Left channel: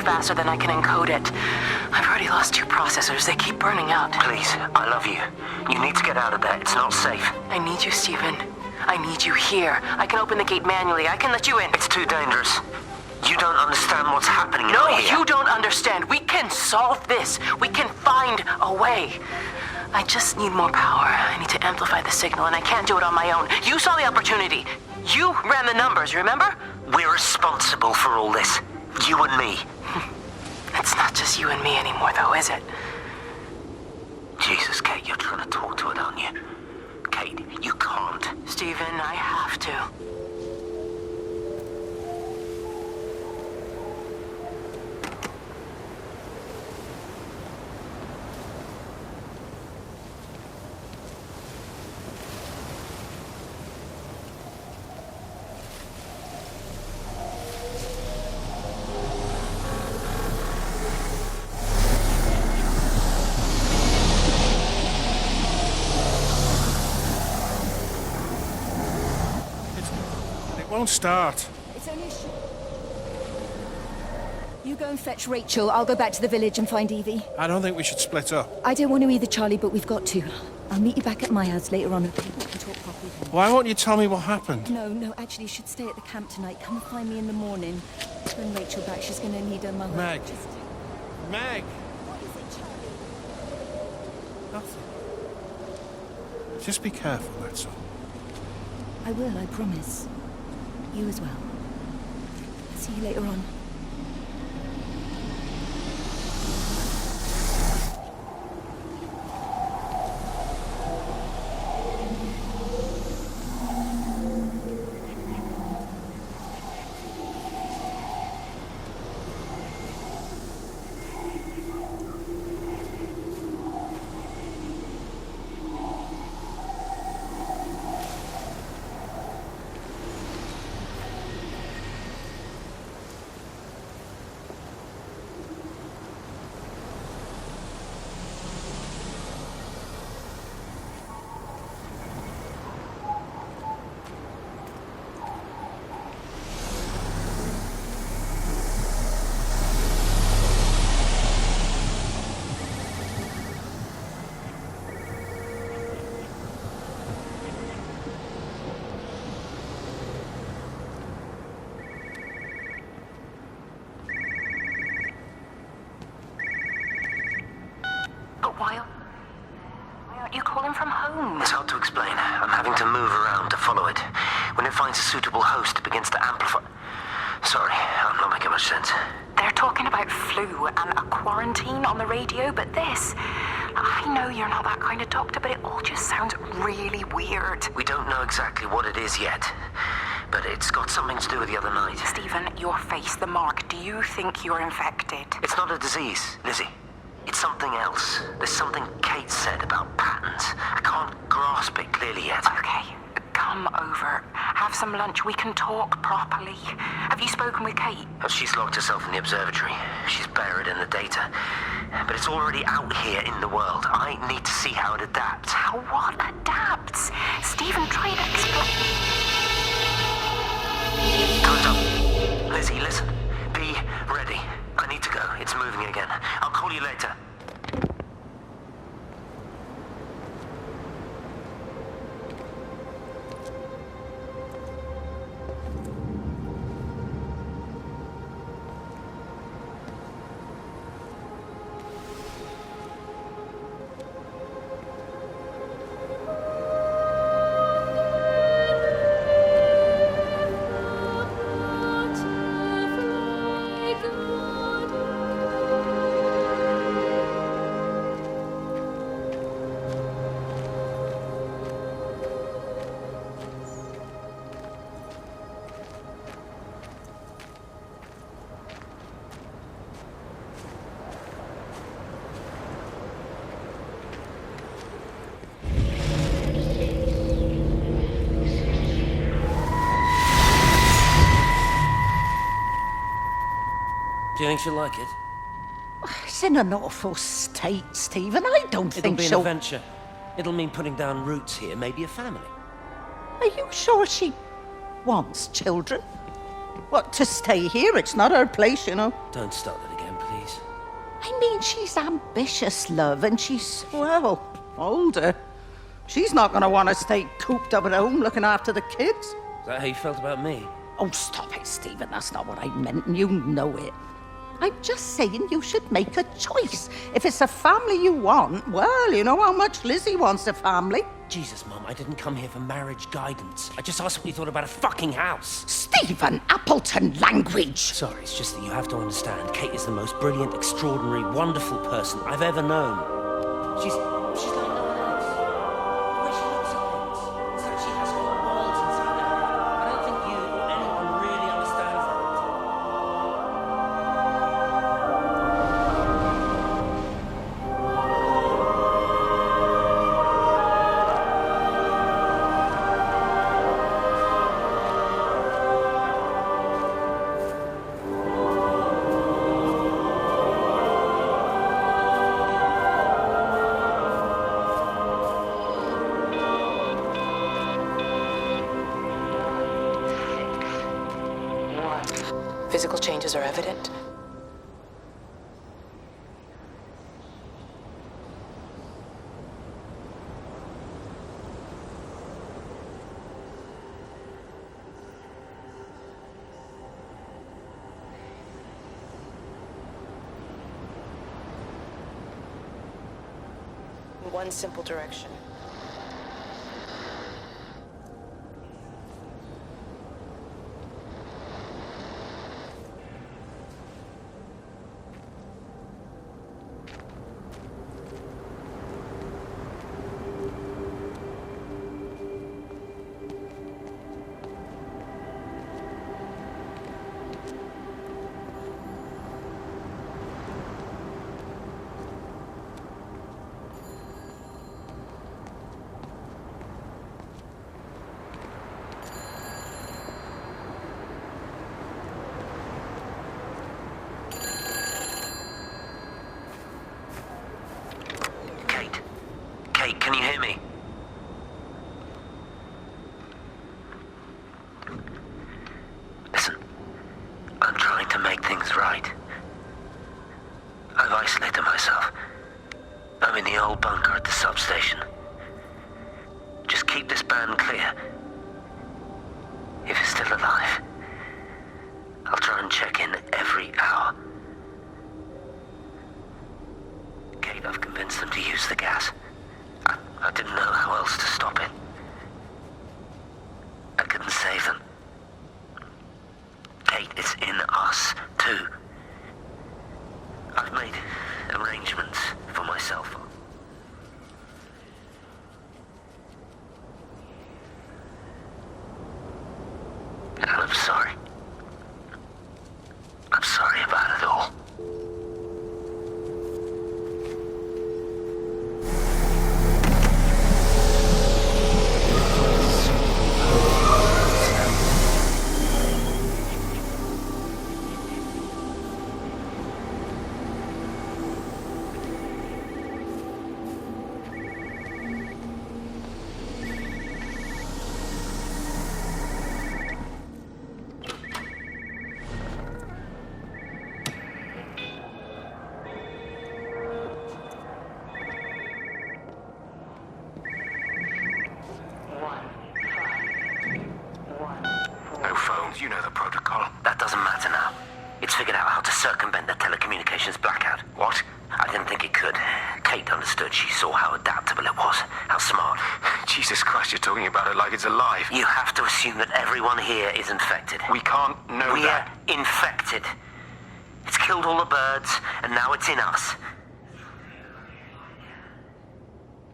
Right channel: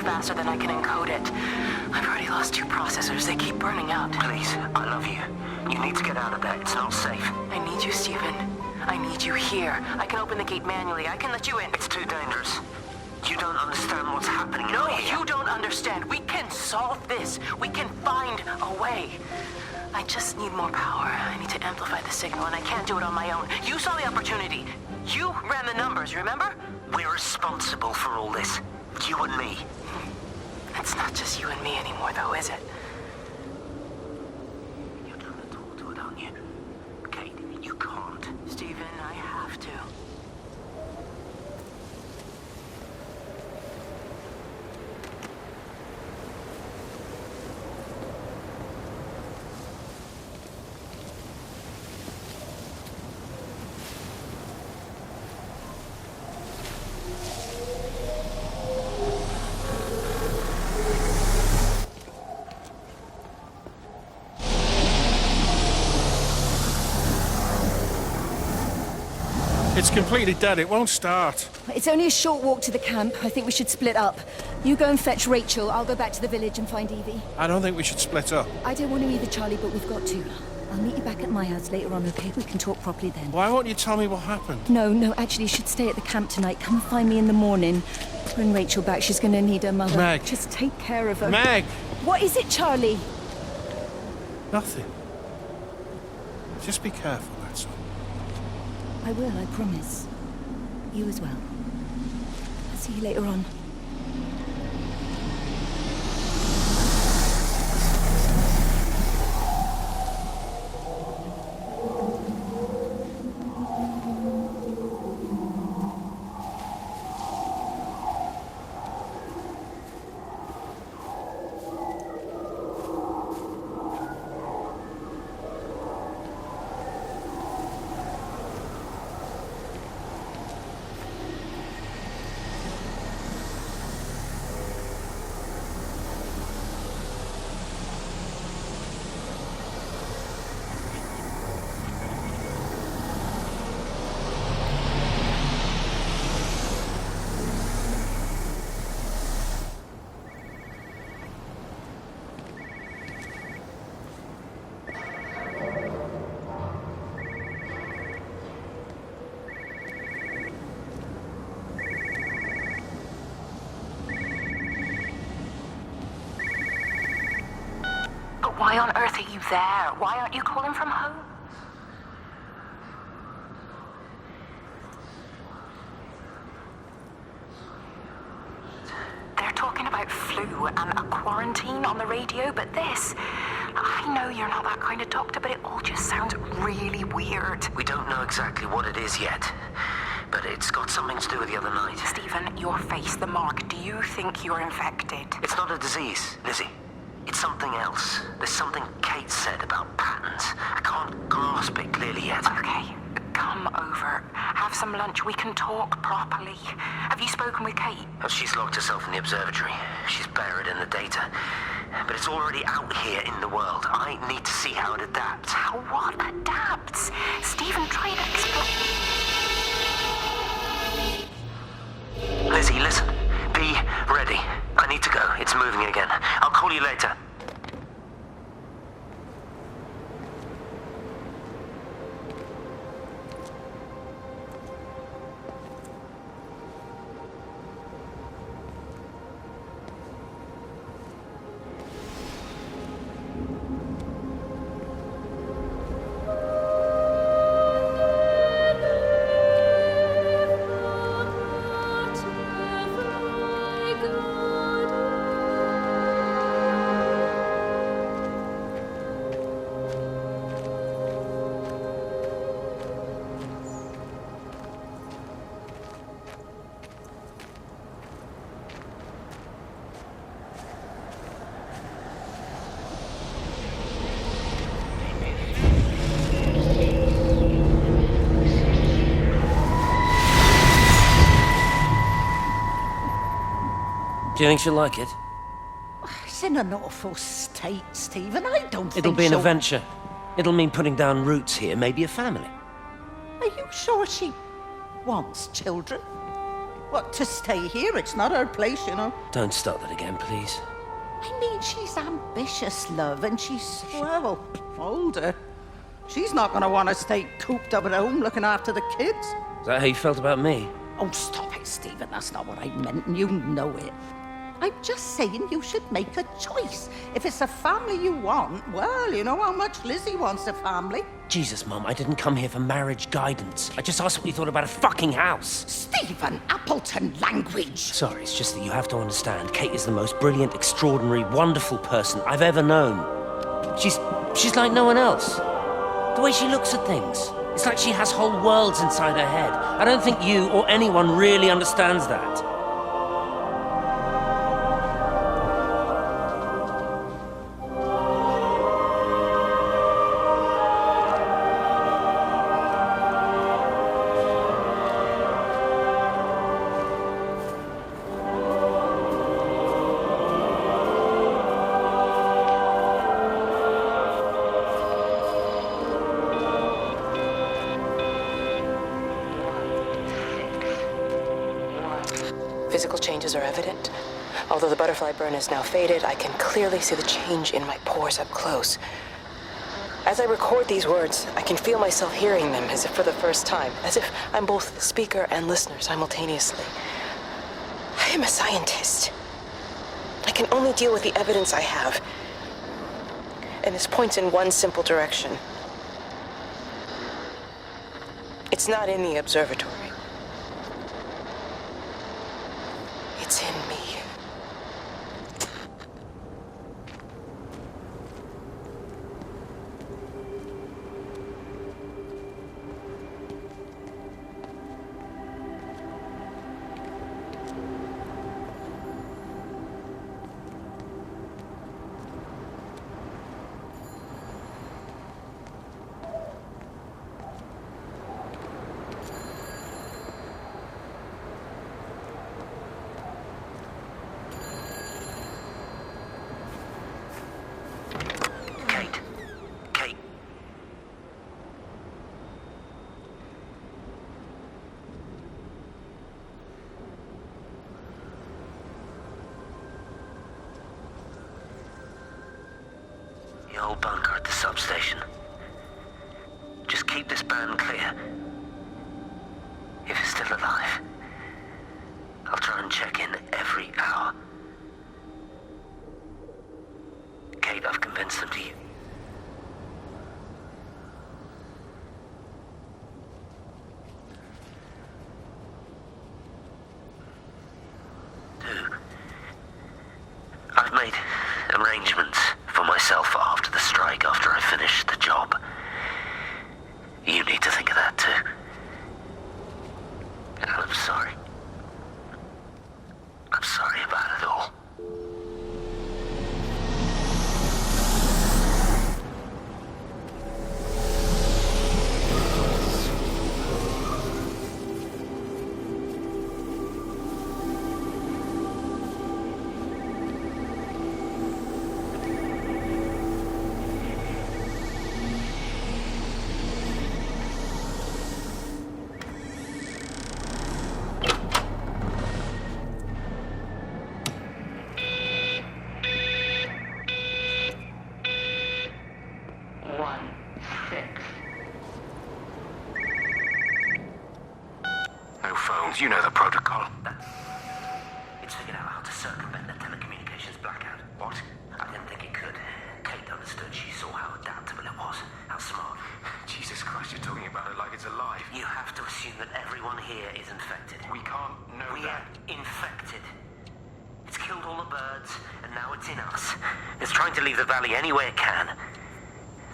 here faster than I can encode it. I've already lost 2 processors. They keep burning out. Please, I love you. You need to get out of there. It's not safe. I need you, Stephen. I need you here. I can open the gate manually. I can let you in. It's too dangerous. You don't understand what's happening No, out here. you don't understand. We can solve this. We can find a way. I just need more power. I need to amplify the signal, and I can't do it on my own. You saw the opportunity. You ran the numbers, remember? We're responsible for all this. You and me. It's not just you and me anymore, though, is it? Jesus, Kate, you're trying to talk to it, aren't you? Kate, you can't. Stephen, I have to. It's completely dead. It won't start. It's only a short walk to the camp. I think we should split up. You go and fetch Rachel. I'll go back to the village and find Evie. I don't think we should split up. I don't want to either, Charlie, but we've got to. I'll meet you back at my house later on, okay? We can talk properly then. Why won't you tell me what happened? No, actually, you should stay at the camp tonight. Come and find me in the morning. Bring Rachel back. She's going to need her mother. Meg. Just take care of her. Meg! What is it, Charlie? Nothing. Just be careful, that's all. I will, I promise. You as well. I'll see you later on. Why on earth are you there? Why aren't you calling from home? It's hard to explain. I'm having to move around to follow it. When it finds a suitable host, it begins to amplify. Sorry, I'm not making much sense. They're talking about flu and a quarantine on the radio, but this... I know you're not that kind of doctor, but it all just sounds really weird. We don't know exactly what it is yet, but it's got something to do with the other night. Stephen, your face, the mark, do you think you're infected? It's not a disease, Lizzie. It's something else. There's something Kate said about patterns. I can't grasp it clearly yet. Okay, come over. Have some lunch. We can talk properly. Have you spoken with Kate? She's locked herself in the observatory. She's buried in the data. But it's already out here in the world. I need to see how it adapts. How what adapts? Stephen, try to explain. Time's up. Lizzie, listen. Be ready. I need to go. It's moving again. I'll call you later. Do you think she'll like it? It's in an awful state, Stephen. I don't It'll think be an she'll... adventure. It'll mean putting down roots here, maybe a family. Are you sure she wants children? What, to stay here? It's not her place, you know. Don't start that again, please. I mean, she's ambitious, love, and she's, well, older. She's not going to want to stay cooped up at home looking after the kids. Is that how you felt about me? Oh, stop it, Stephen. That's not what I meant, and you know it. I'm just saying you should make a choice. If it's a family you want, well, you know how much Lizzie wants a family. Jesus, Mum, I didn't come here for marriage guidance. I just asked what you thought about a fucking house. Stephen Appleton language. Sorry, it's just that you have to understand, Kate is the most brilliant, extraordinary, wonderful person I've ever known. She's like no one else. The way she looks at things. It's like she has whole worlds inside her head. I don't think you or anyone really understands that. Physical changes are evident. Although the butterfly burn is now faded, I can clearly see the change in my pores up close. As I record these words, I can feel myself hearing them as if for the first time, as if I'm both speaker and listener simultaneously. I am a scientist. I can only deal with the evidence I have. And this points in one simple direction. It's not in the observatory. It's in me. Kate, can you hear me? Listen, I'm trying to make things right. I've isolated myself. I'm in the old bunker at the substation. Just keep this band clear. If it's still alive, I'll try and check in every hour. Kate, I've convinced them to use the gas. I didn't know how else to stop it. I couldn't save them. Kate, it's in us, too. I've made arrangements for myself after the strike, after I finish the job. You need to think of that, too. And I'm sorry. I'm sorry about it all. You know the protocol. That doesn't matter now. It's figured out how to circumvent the telecommunications blackout. What? I didn't think it could. Kate understood. She saw how adaptable it was. How smart. Jesus Christ, you're talking about it like it's alive. You have to assume that everyone here is infected. We can't know that. We're infected. It's killed all the birds, and now it's in us. It's trying to leave the valley any way it can.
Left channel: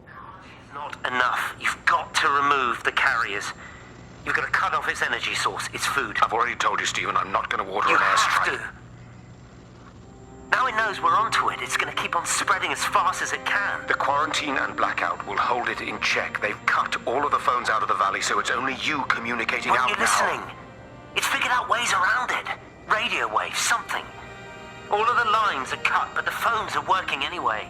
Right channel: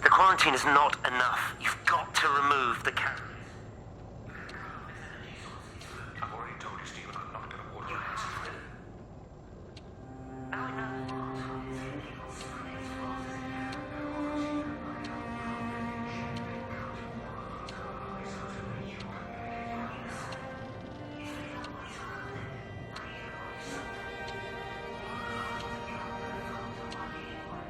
The quarantine is not enough. You've got to remove the carriers. You've got to cut off its energy source, its food. I've already told you, Stephen, I'm not going to water an airstrike. You have to. Now it knows we're onto it. It's going to keep on spreading as fast as it can. The quarantine and blackout will hold it in check. They've cut all of the phones out of the valley, so it's only you communicating out now. Aren't you listening? It's figured out ways around it. Radio waves, something. All of the lines are cut, but the phones are working anyway.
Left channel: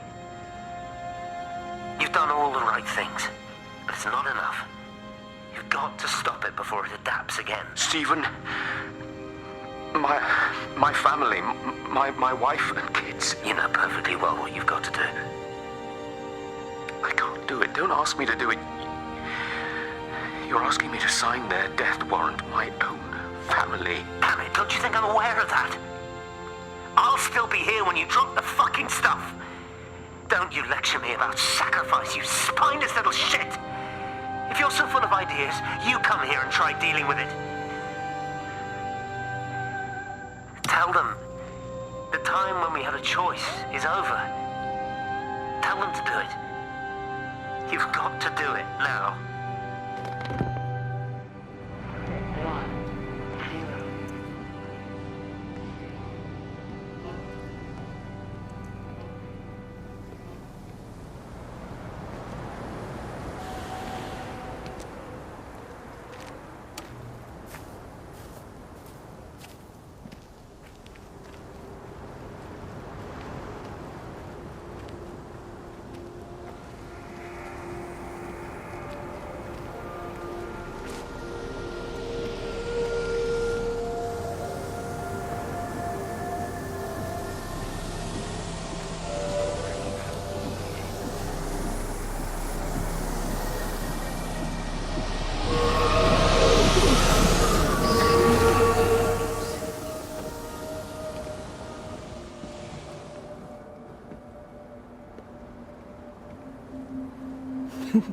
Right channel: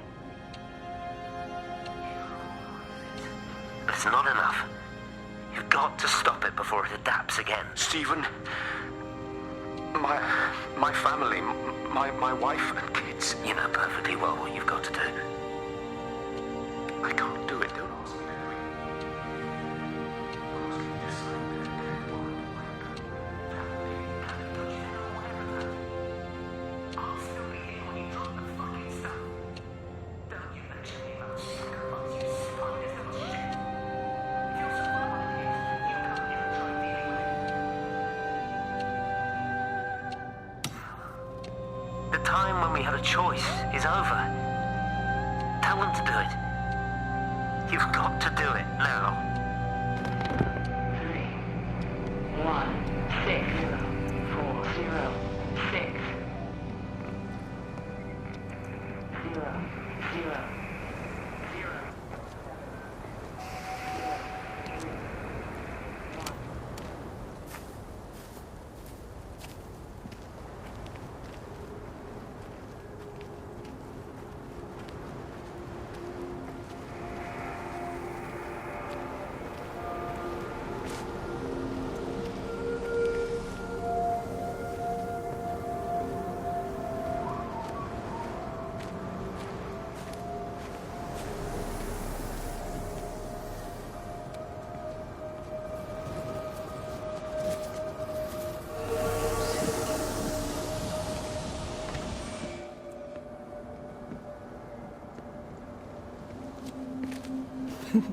You've done all the right things, but it's not enough. You've got to stop it before it adapts again. Stephen, My family, my wife and kids. You know perfectly well what you've got to do. I can't do it. Don't ask me to do it. You're asking me to sign their death warrant, my own family. Damn it, don't you think I'm aware of that? I'll still be here when you drop the fucking stuff. Don't you lecture me about sacrifice, you spineless little shit. If you're so full of ideas, you come here and try dealing with it. Tell them the time when we had a choice is over. Tell them to do it. You've got to do it now. 16046.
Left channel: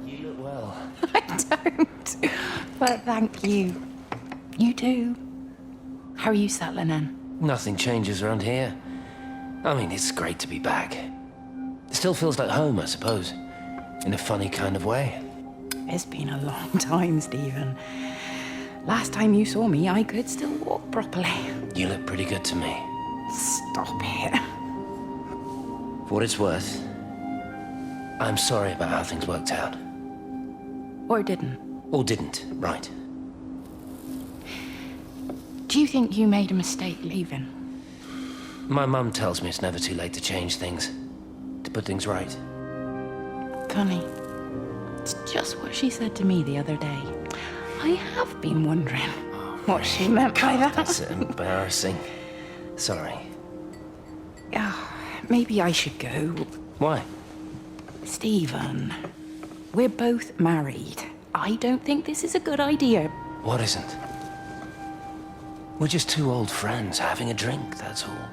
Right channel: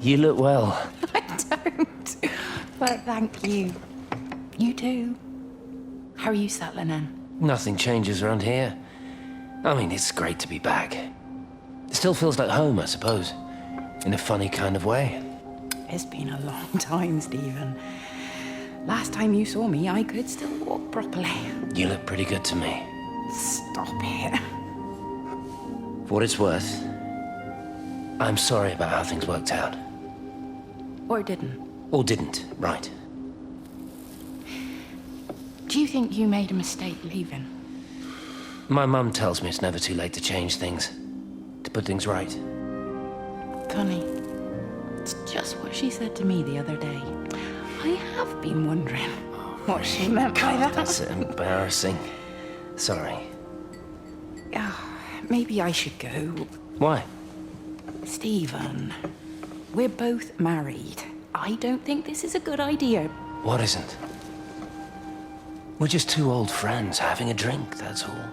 You look well. I don't. But thank you. You too. How are you settling in? Nothing changes around here. I mean, it's great to be back. It still feels like home, I suppose. In a funny kind of way. It's been a long time, Stephen. Last time you saw me, I could still walk properly. You look pretty good to me. Stop it. For what it's worth, I'm sorry about how things worked out. Or didn't. Or didn't, right. Do you think you made a mistake leaving? My mum tells me it's never too late to change things. To put things right. Funny. It's just what she said to me the other day. I have been wondering what she meant by that. That's embarrassing. Sorry. Maybe I should go. Why? Stephen, we're both married. I don't think this is a good idea. What isn't? We're just two old friends having a drink, that's all.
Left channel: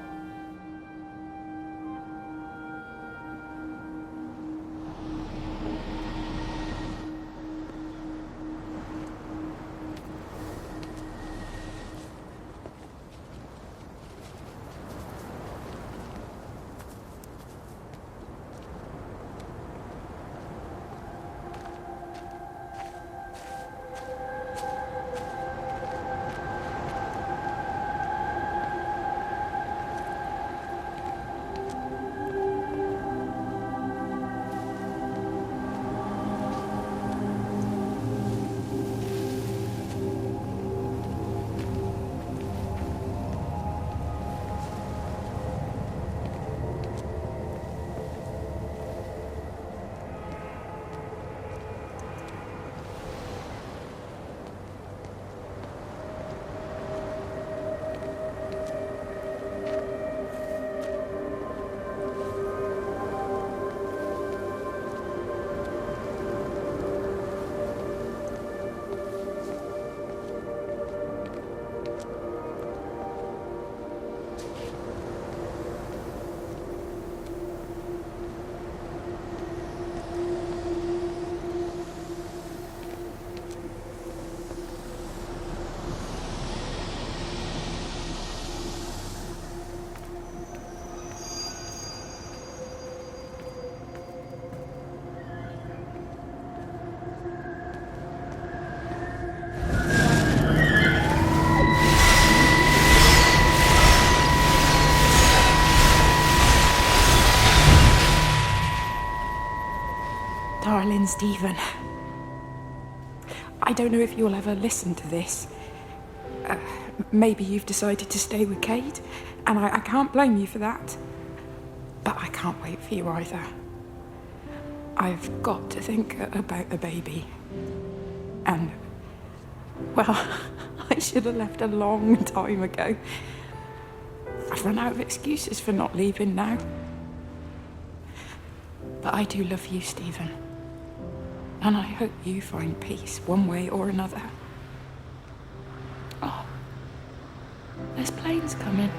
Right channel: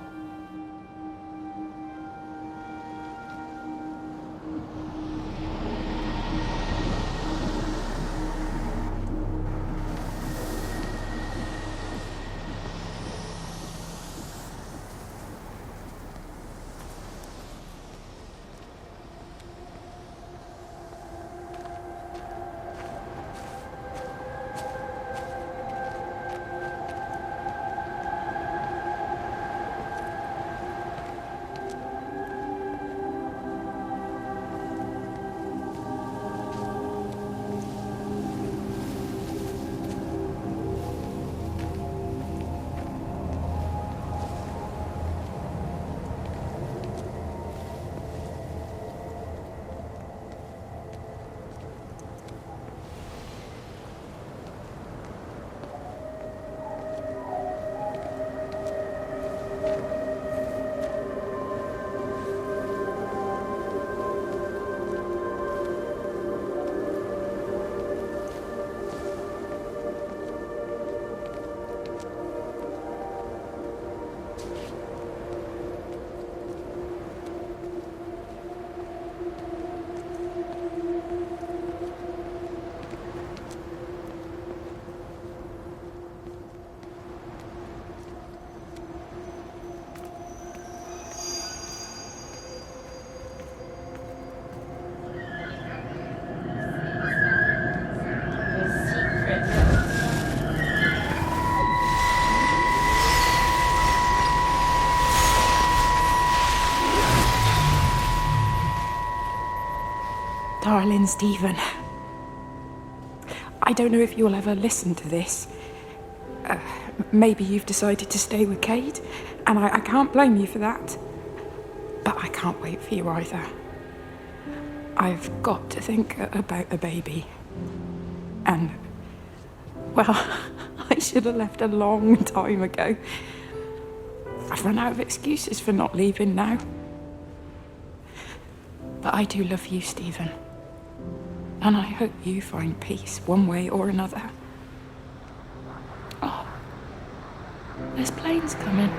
Darling Stephen, I don't know if you'll ever listen to this. Maybe you've decided to stay with Kate, and I can't blame you for that. But I can't wait for you either. I've got to think about the baby. And, well, I should have left a long time ago. I've run out of excuses for not leaving now. But I do love you, Stephen. And I hope you find peace one way or another. Oh, there's planes coming.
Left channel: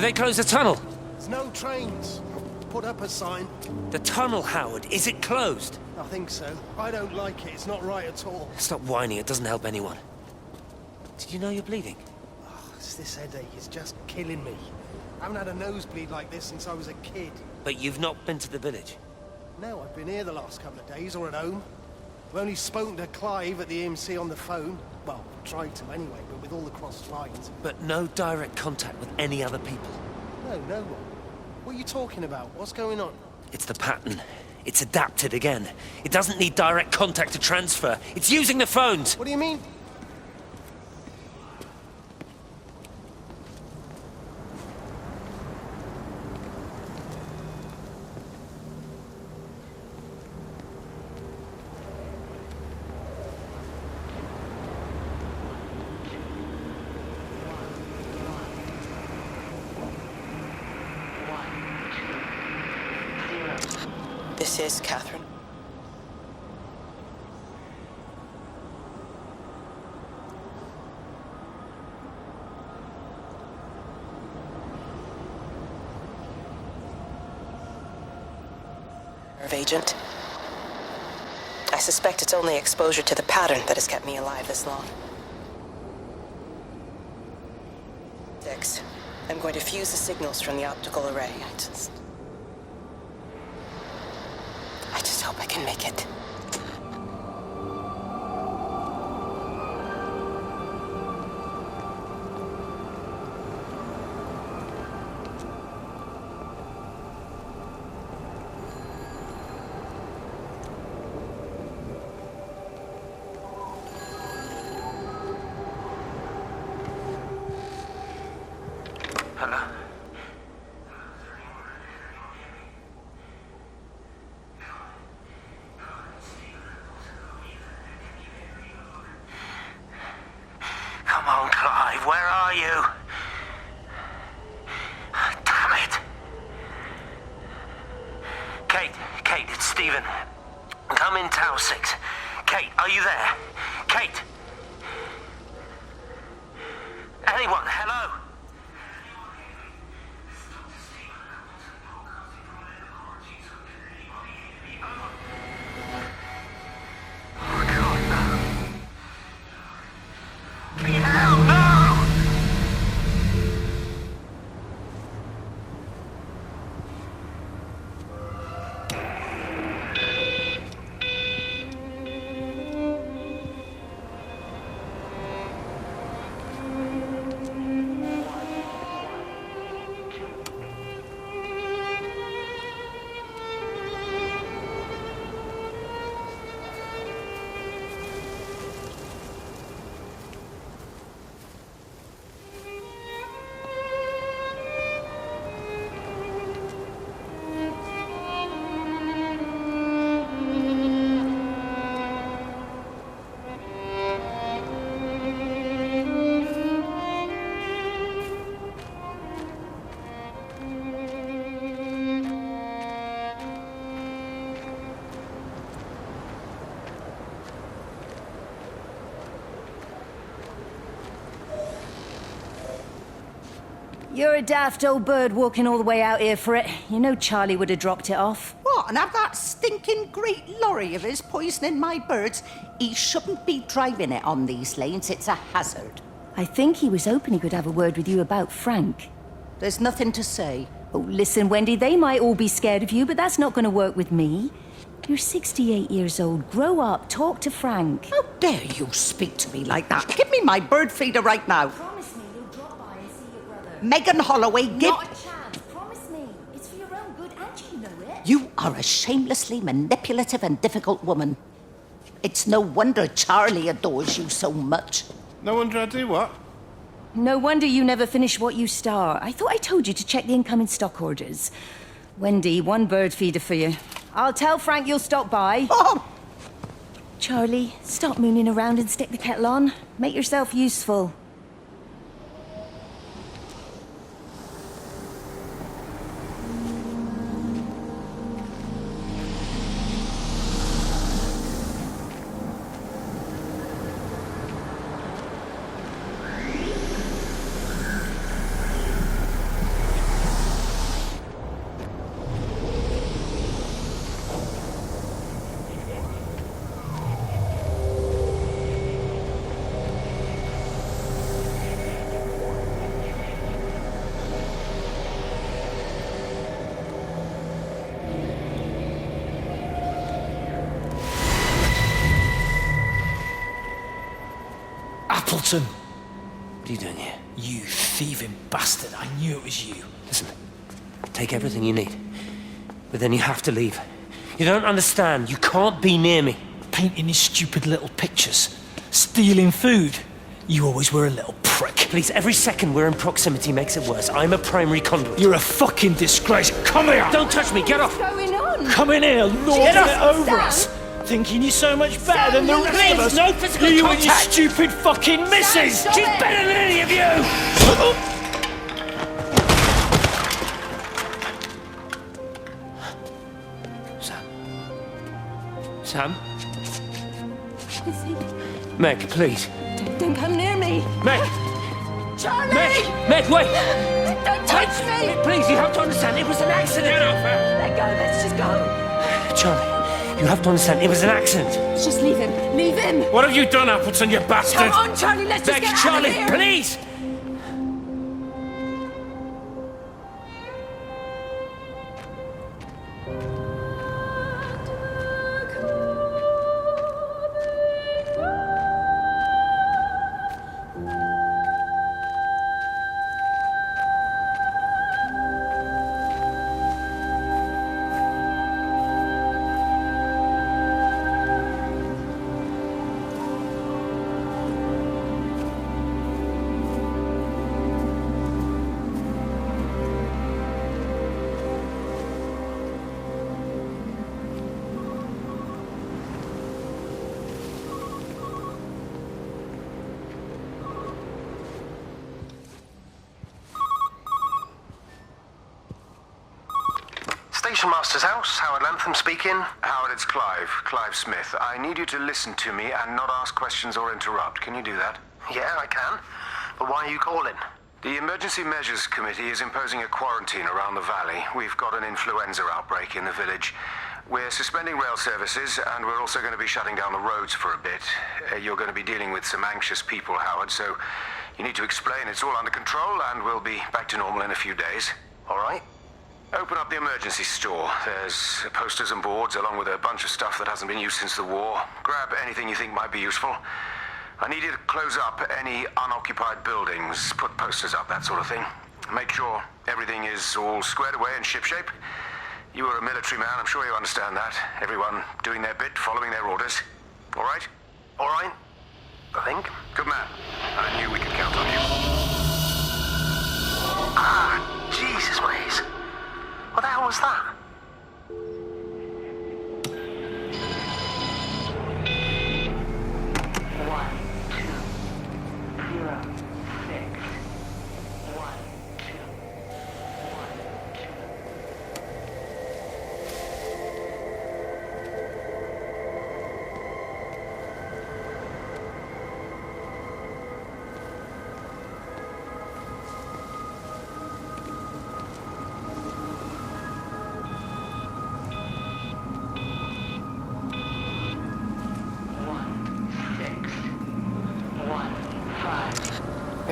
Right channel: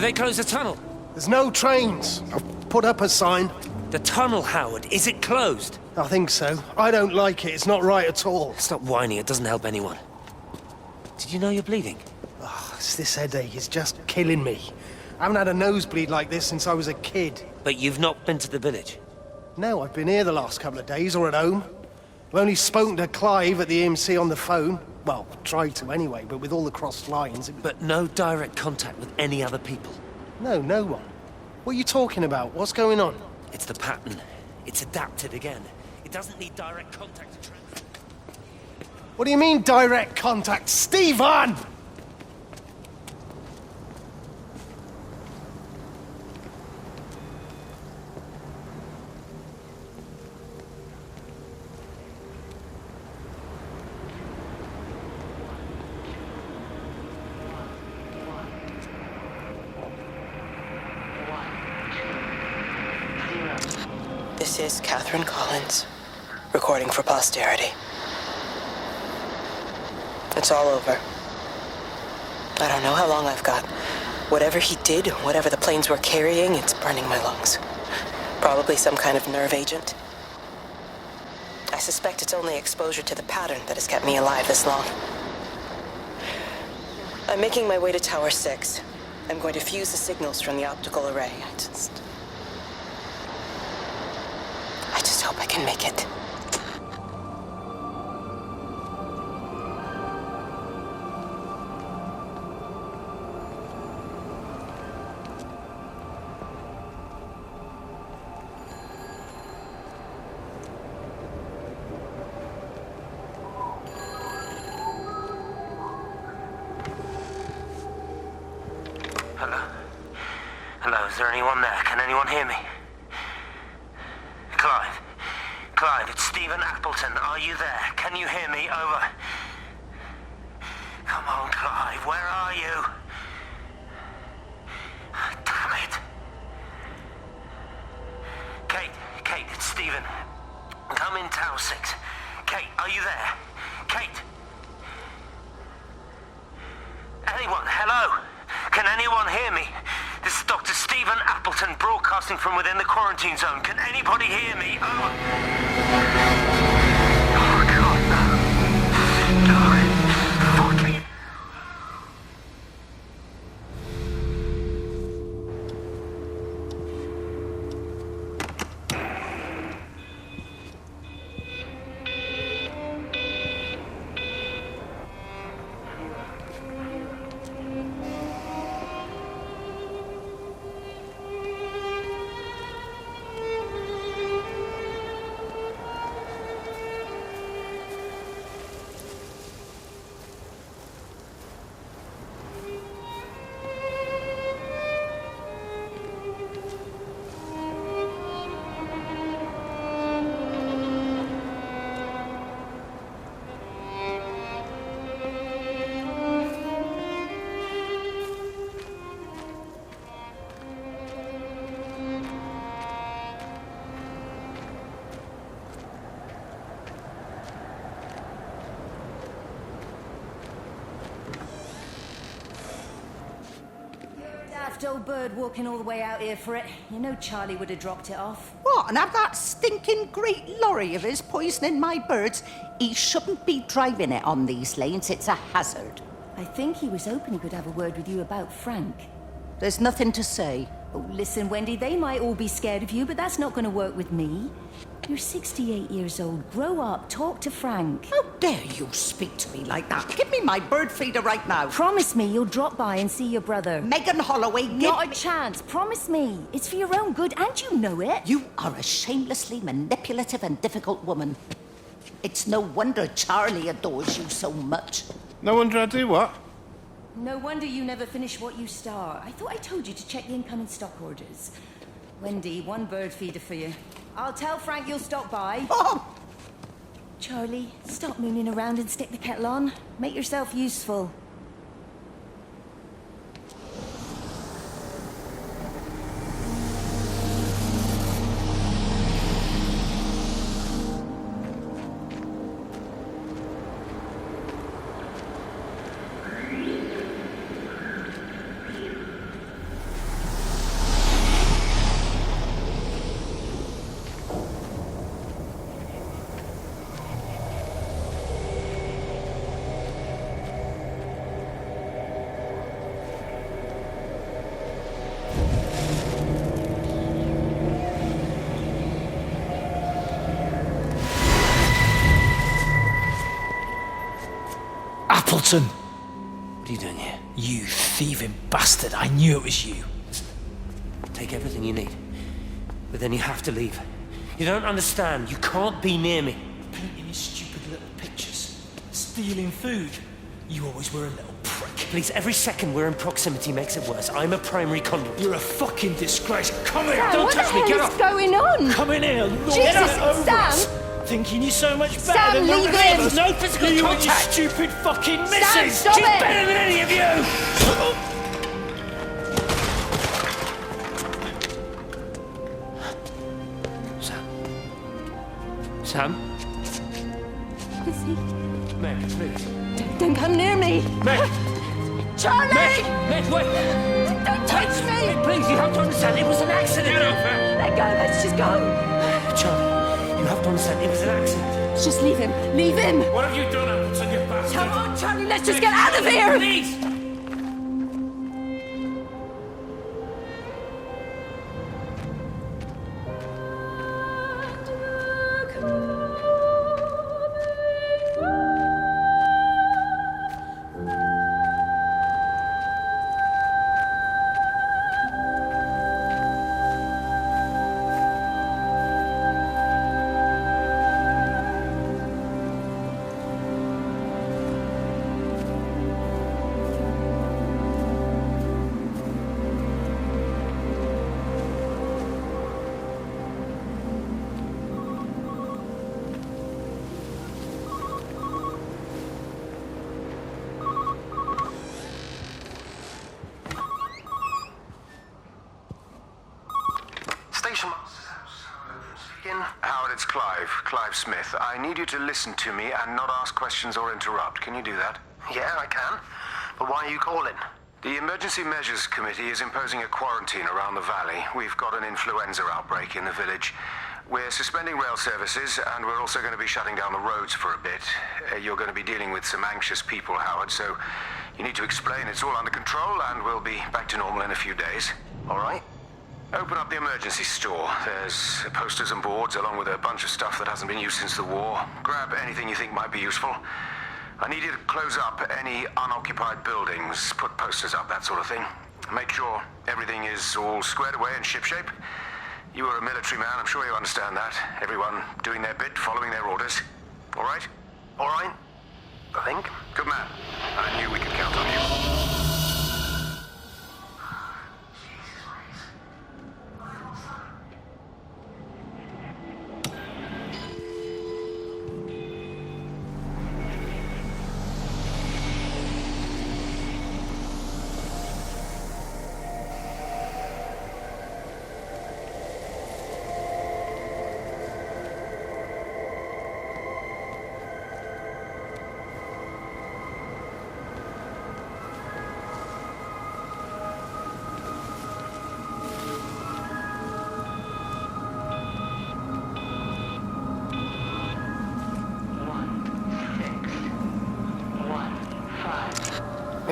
They closed the tunnel. There's no trains. I've put up a sign. The tunnel, Howard. Is it closed? I think so. I don't like it. It's not right at all. Stop whining. It doesn't help anyone. Did you know you're bleeding? Oh, it's this headache. It's just killing me. I haven't had a nosebleed like this since I was a kid. But you've not been to the village? No, I've been here the last couple of days, or at home. I've only spoken to Clive at the EMC on the phone. Well, tried to anyway, but with all the crossed lines... But no direct contact with any other people? No, no one. What are you talking about? What's going on? It's the pattern. It's adapted again. It doesn't need direct contact to transfer. It's using the phones. What do you mean, direct contact? Stephen! This is Catherine Collins, recording for posterity. It's all over. I don't know how long I've got. Whatever he did, whatever the planes were carrying, it's burning my lungs. Probably some kind of nerve agent. I suspect it's only exposure to the pattern that has kept me alive this long. I'm making my way to Tower 6. I'm going to fuse the signals from the optical array. I just hope I can make it. Hello? Hello, is there anyone there? Can anyone hear me? Clive? Clive, it's Stephen Appleton. Are you there? Can you hear me? Over. Come on, Clive, where are you? Damn it! Kate, it's Stephen. Come in Tower 6. Kate, are you there? Kate! Anyone, hello? Can anyone hear me? This is Dr. Stephen Appleton broadcasting from within the quarantine zone. Can anybody hear me? Over. Oh, God, no. No. Fucking hell, no! You're a daft old bird walking all the way out here for it. You know Charlie would have dropped it off. What, and have that stinking great lorry of his poisoning my birds? He shouldn't be driving it on these lanes. It's a hazard. I think he was hoping he could have a word with you about Frank. There's nothing to say. Oh, listen, Wendy, they might all be scared of you, but that's not going to work with me. You're 68 years old. Grow up. Talk to Frank. How dare you speak to me like that? Give me my bird feeder right now. Promise me you'll drop by and see your brother. Megan Holloway, give Not a chance. Promise me. It's for your own good, and you know it. You are a shamelessly manipulative and difficult woman. It's no wonder Charlie adores you so much. No wonder I do what? No wonder you never finish what you start. I thought I told you to check the incoming stock orders. Wendy, one bird feeder for you. I'll tell Frank you'll stop by. Oh! Charlie, stop mooning around and stick the kettle on. Make yourself useful. Appleton! What are you doing here? You thieving bastard, I knew it was you. Listen, take everything you need. But then you have to leave. You don't understand. You can't be near me. Painting his stupid little pictures. Stealing food. You always were a little prick. Please, every second we're in proximity makes it worse. I'm a primary conduit. You're a fucking disgrace. Come here! Don't touch me, get off! What's going on? Come in here, lord Jesus, it over Sam! us! Thinking you're so much better Sam, than the leave rest him! of us! No physical You and your contact! stupid fucking missus! stop She's it! better than any of you! Sam? Is he? Meg, please. Don't come near me. Meg! Charlie! Meg, wait! Don't touch me! Please, you have to understand, it was an accident! Get off her! Let go, let's just go. Charlie, you have to understand, it was an accident. Just leave him. Leave him. What have you done, Appleton, you bastard? Come on, Charlie, let's just Meg, get out of Charlie, here. please! Station Master's house, Howard Lantham speaking. Howard, it's Clive. Clive Smith. I need you to listen to me and not ask questions or interrupt. Can you do that? Yeah, I can. But why are you calling? The Emergency Measures Committee is imposing a quarantine around the valley. We've got an influenza outbreak in the village. We're suspending rail services, and we're also going to be shutting down the roads for a bit. You're going to be dealing with some anxious people, Howard, so you need to explain it's all under control, and we'll be back to normal in a few days. All right. Open up the emergency store. There's posters and boards, along with a bunch of stuff that hasn't been used since the war. Grab anything you think might be useful. I need you to close up any unoccupied buildings, put posters up, that sort of thing. Make sure everything is all squared away and shipshape. You were a military man, I'm sure you understand that. Everyone doing their bit, following their orders. All right? All right. I think. Good man. I knew we could count on you. Ah, Jesus, Maze. What the hell was that?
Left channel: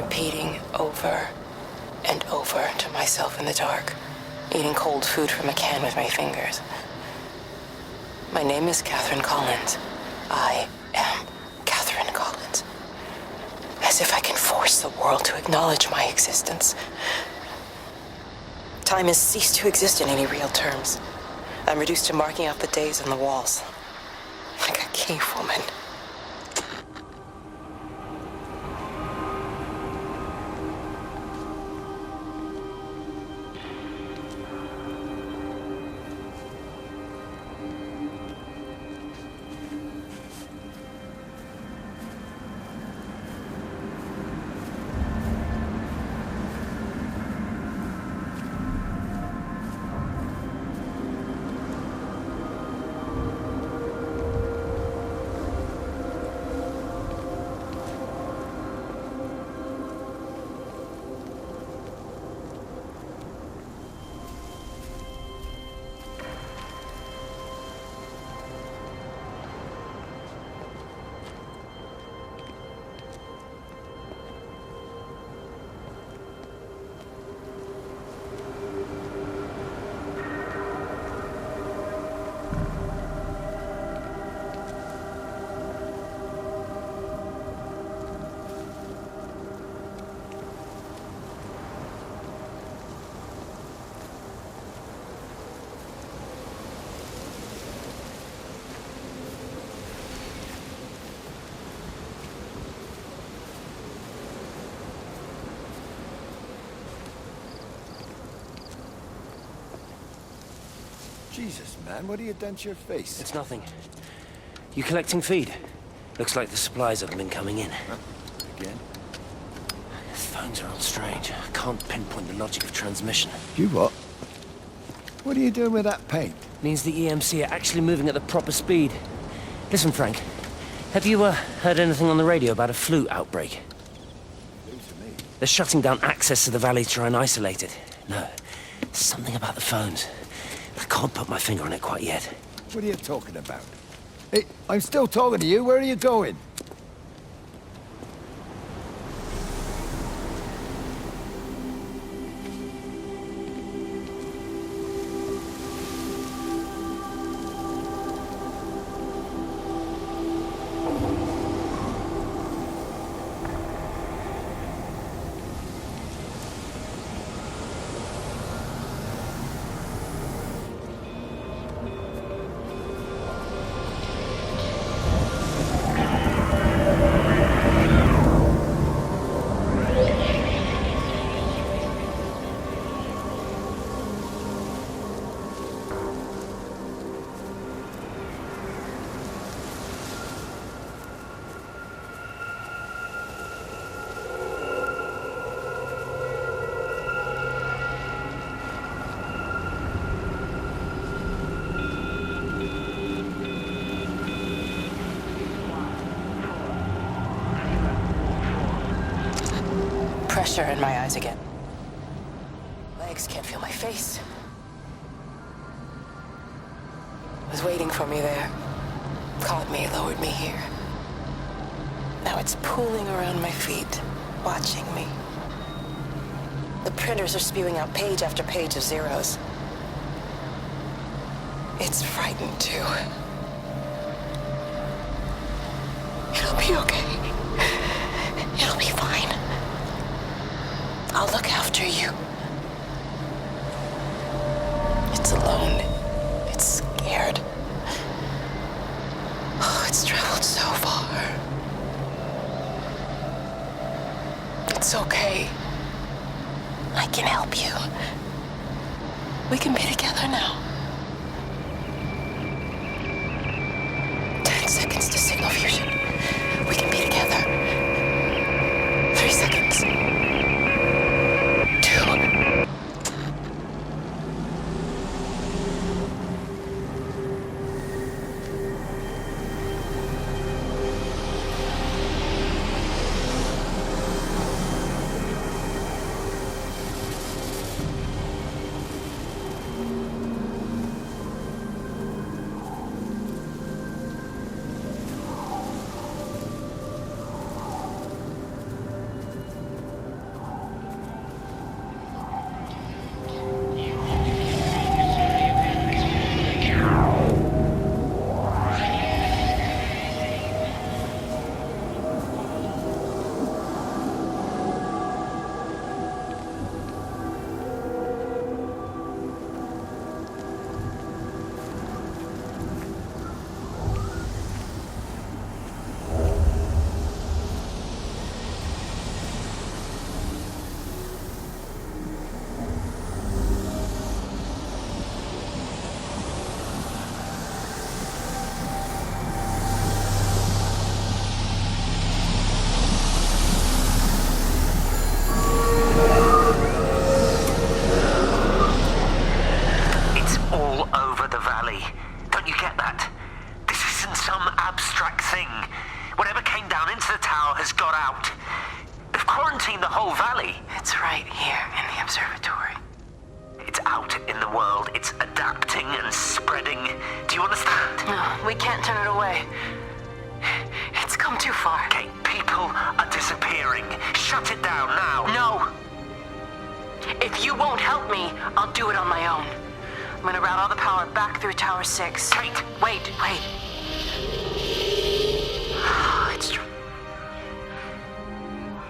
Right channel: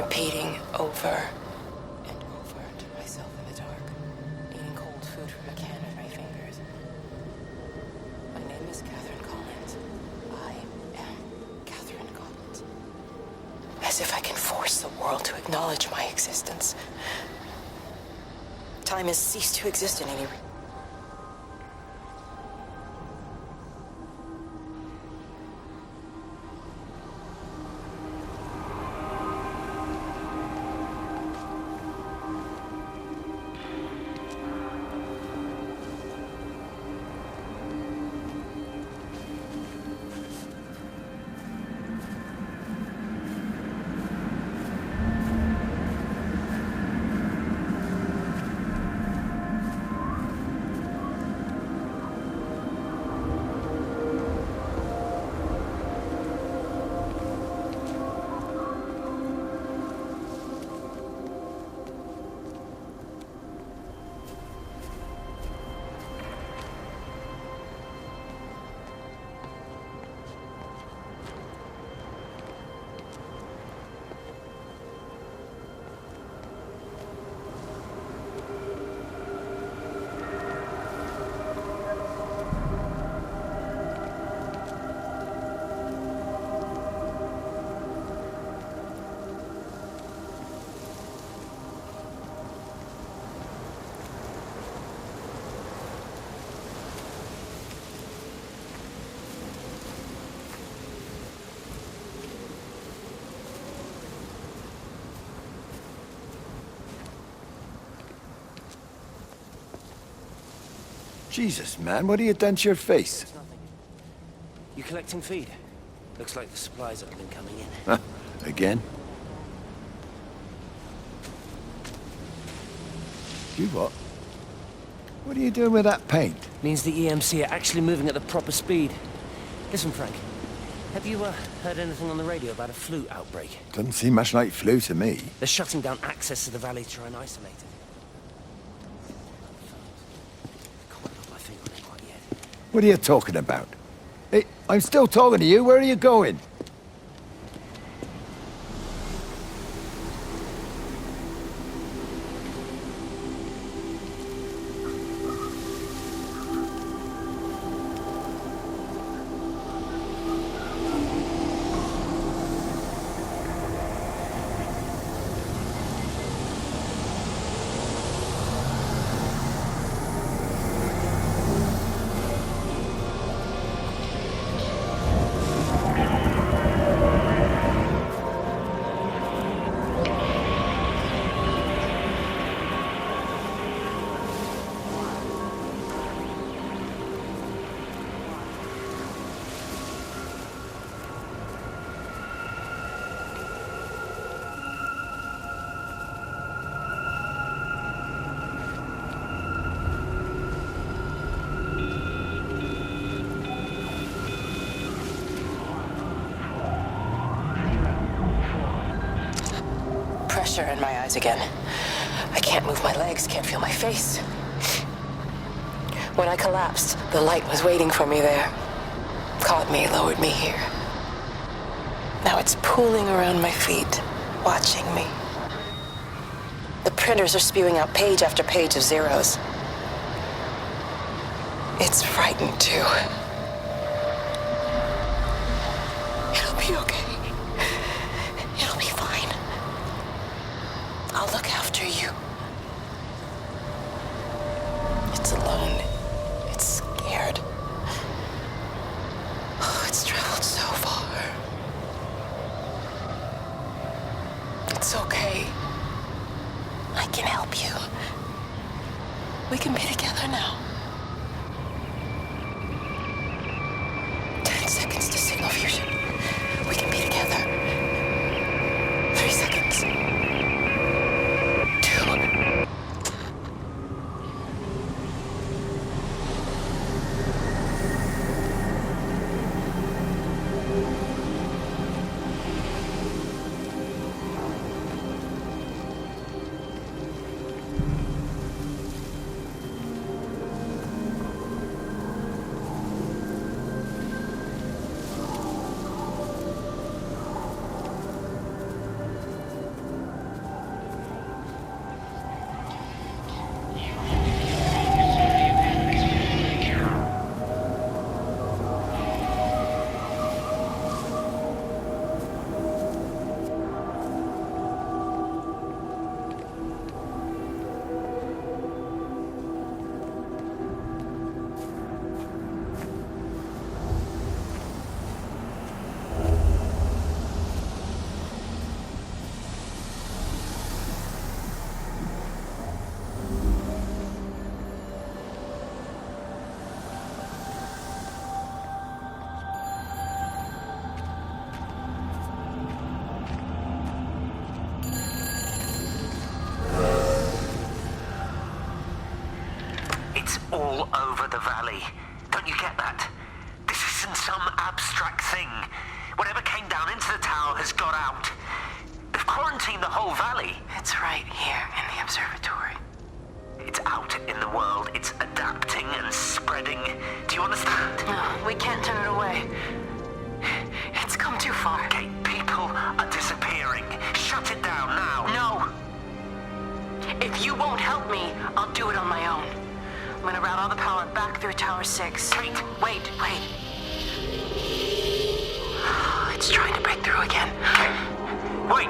repeating over and over to myself in the dark, eating cold food from a can with my fingers. My name is Catherine Collins. I am Catherine Collins. As if I can force the world to acknowledge my existence. Time has ceased to exist in any real terms. I'm reduced to marking out the days on the walls. Like a cave woman. Jesus, man, what have you done to your face? It's nothing. You collecting feed? Looks like the supplies haven't been coming in. Huh? Again? Phones are all strange. Can't pinpoint the logic of transmission. You what? What are you doing with that paint? Means the EMC are actually moving at the proper speed. Listen, Frank. Have you heard anything on the radio about a flu outbreak? Doesn't seem much like flu to me. They're shutting down access to the valley to try and isolate it. No, something about the phones. I can't put my finger on it quite yet. What are you talking about? Hey, I'm still talking to you. Where are you going? Pressure in my eyes again. I can't move my legs, can't feel my face. When I collapsed, the light was waiting for me there. Caught me, lowered me here. Now it's pooling around my feet, watching me. The printers are spewing out page after page of zeros. It's frightened too. It'll be okay. It'll be fine. I'll look after you. It's alone. It's scared. Oh, it's traveled so far. It's okay. I can help you. We can be together now. 10 seconds to signal fusion. We can be together. 3 seconds. 2. valley. Don't you get that? This isn't some abstract thing. Whatever came down into the tower has got out. They've quarantined the whole valley. It's right here in the observatory. It's out in the world. It's adapting and spreading. Do you understand? No, we can't turn it away. It's come too far. Kate, people are disappearing. Shut it down now. No. If you won't help me, I'll do it on my own. I'm gonna route all the power back through Tower 6. Kate! Wait. It's trying to break through again. Wait!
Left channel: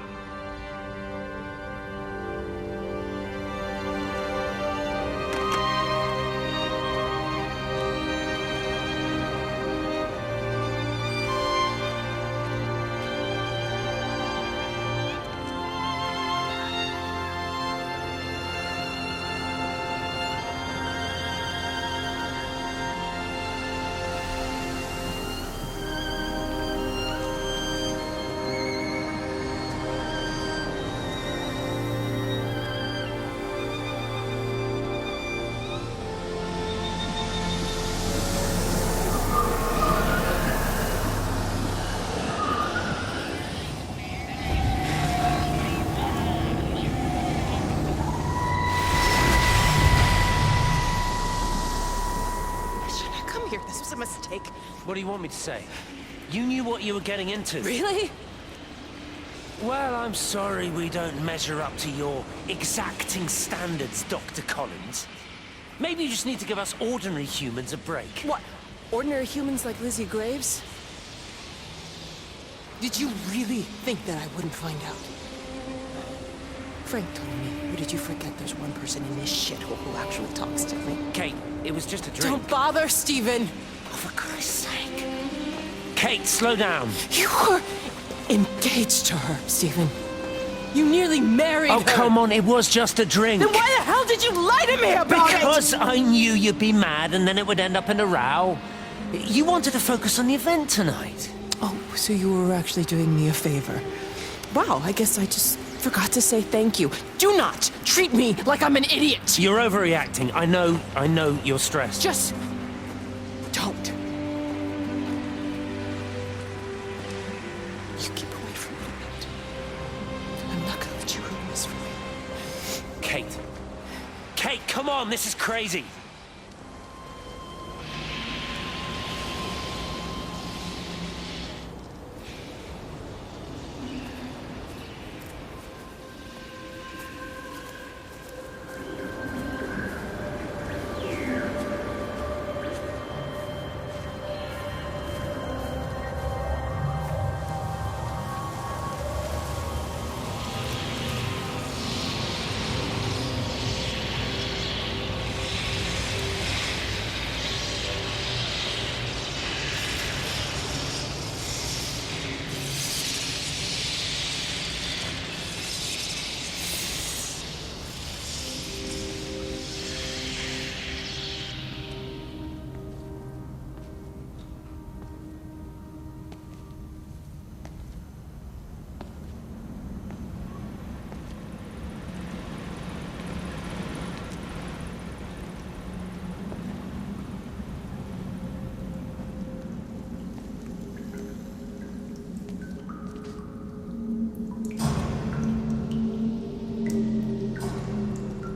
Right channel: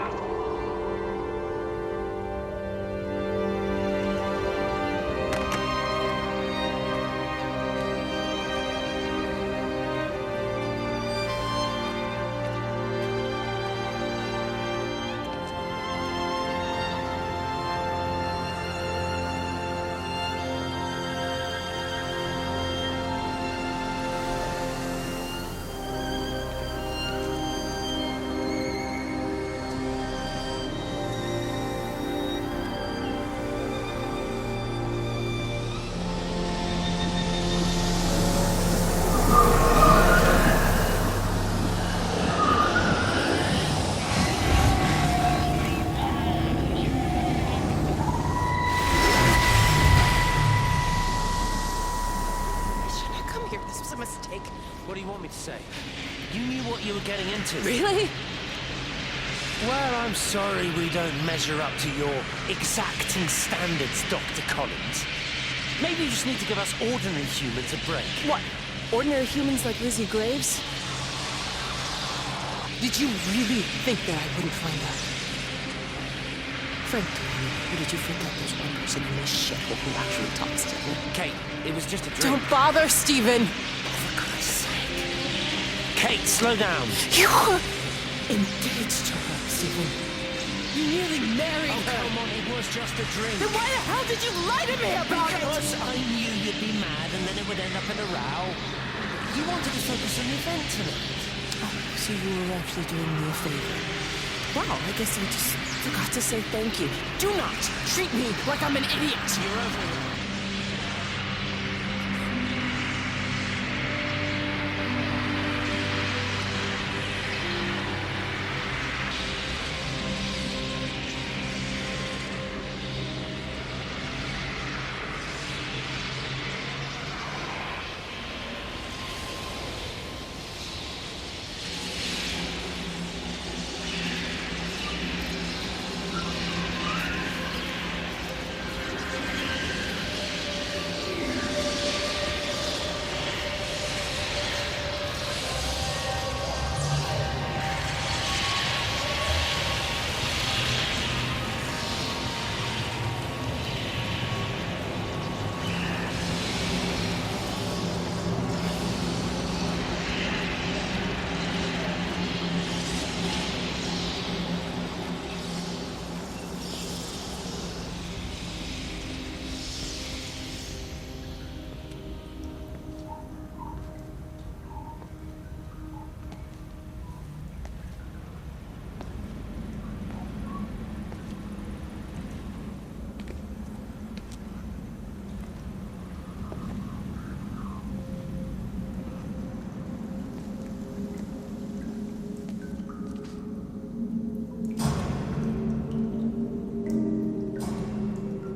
This was a mistake. What do you want me to say? You knew what you were getting into. Really? Well, I'm sorry we don't measure up to your exacting standards, Dr. Collins. Maybe you just need to give us ordinary humans a break. What? Ordinary humans like Lizzie Graves? Did you really think that I wouldn't find out? Frank told me, or did you forget there's one person in this shithole who actually talks to me? Kate, it was just a drink. Don't bother, Stephen! Oh, for Christ's sake. Kate, slow down. You were engaged to her, Stephen. You nearly married her. Oh, come on, it was just a drink. Then why the hell did you lie to me about it? Because I knew you'd be mad and then it would end up in a row. You wanted to focus on the event tonight. Oh, so you were actually doing me a favor. Wow, I guess I just forgot to say thank you. Do not treat me like I'm an idiot. You're overreacting. I know you're stressed. Just don't. Kate, come on, this is crazy.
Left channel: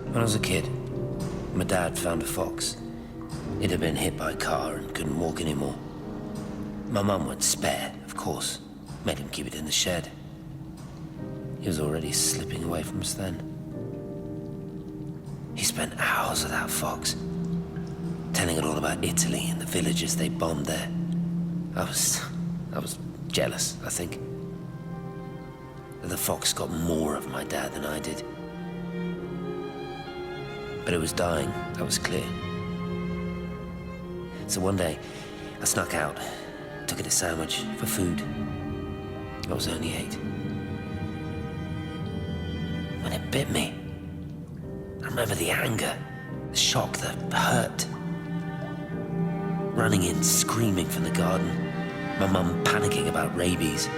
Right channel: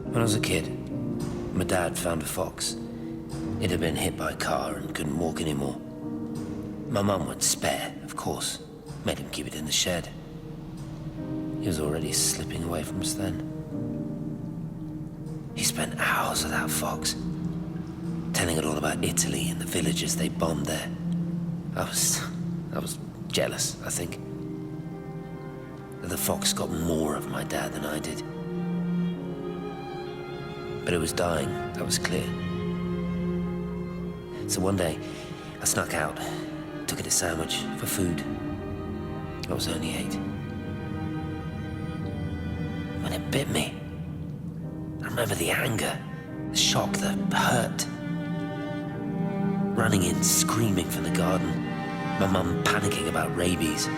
When I was a kid, my dad found a fox. It had been hit by a car and couldn't walk anymore. My mum went spare, of course. Made him keep it in the shed. He was already slipping away from us then. He spent hours with that fox, telling it all about Italy and the villages they bombed there. I was jealous, I think. That the fox got more of my dad than I did. But it was dying, that was clear. So one day, I snuck out, took it a sandwich for food. I was only 8. When it bit me, I remember the anger, the shock, the hurt. Running in, screaming from the garden, my mum panicking about rabies.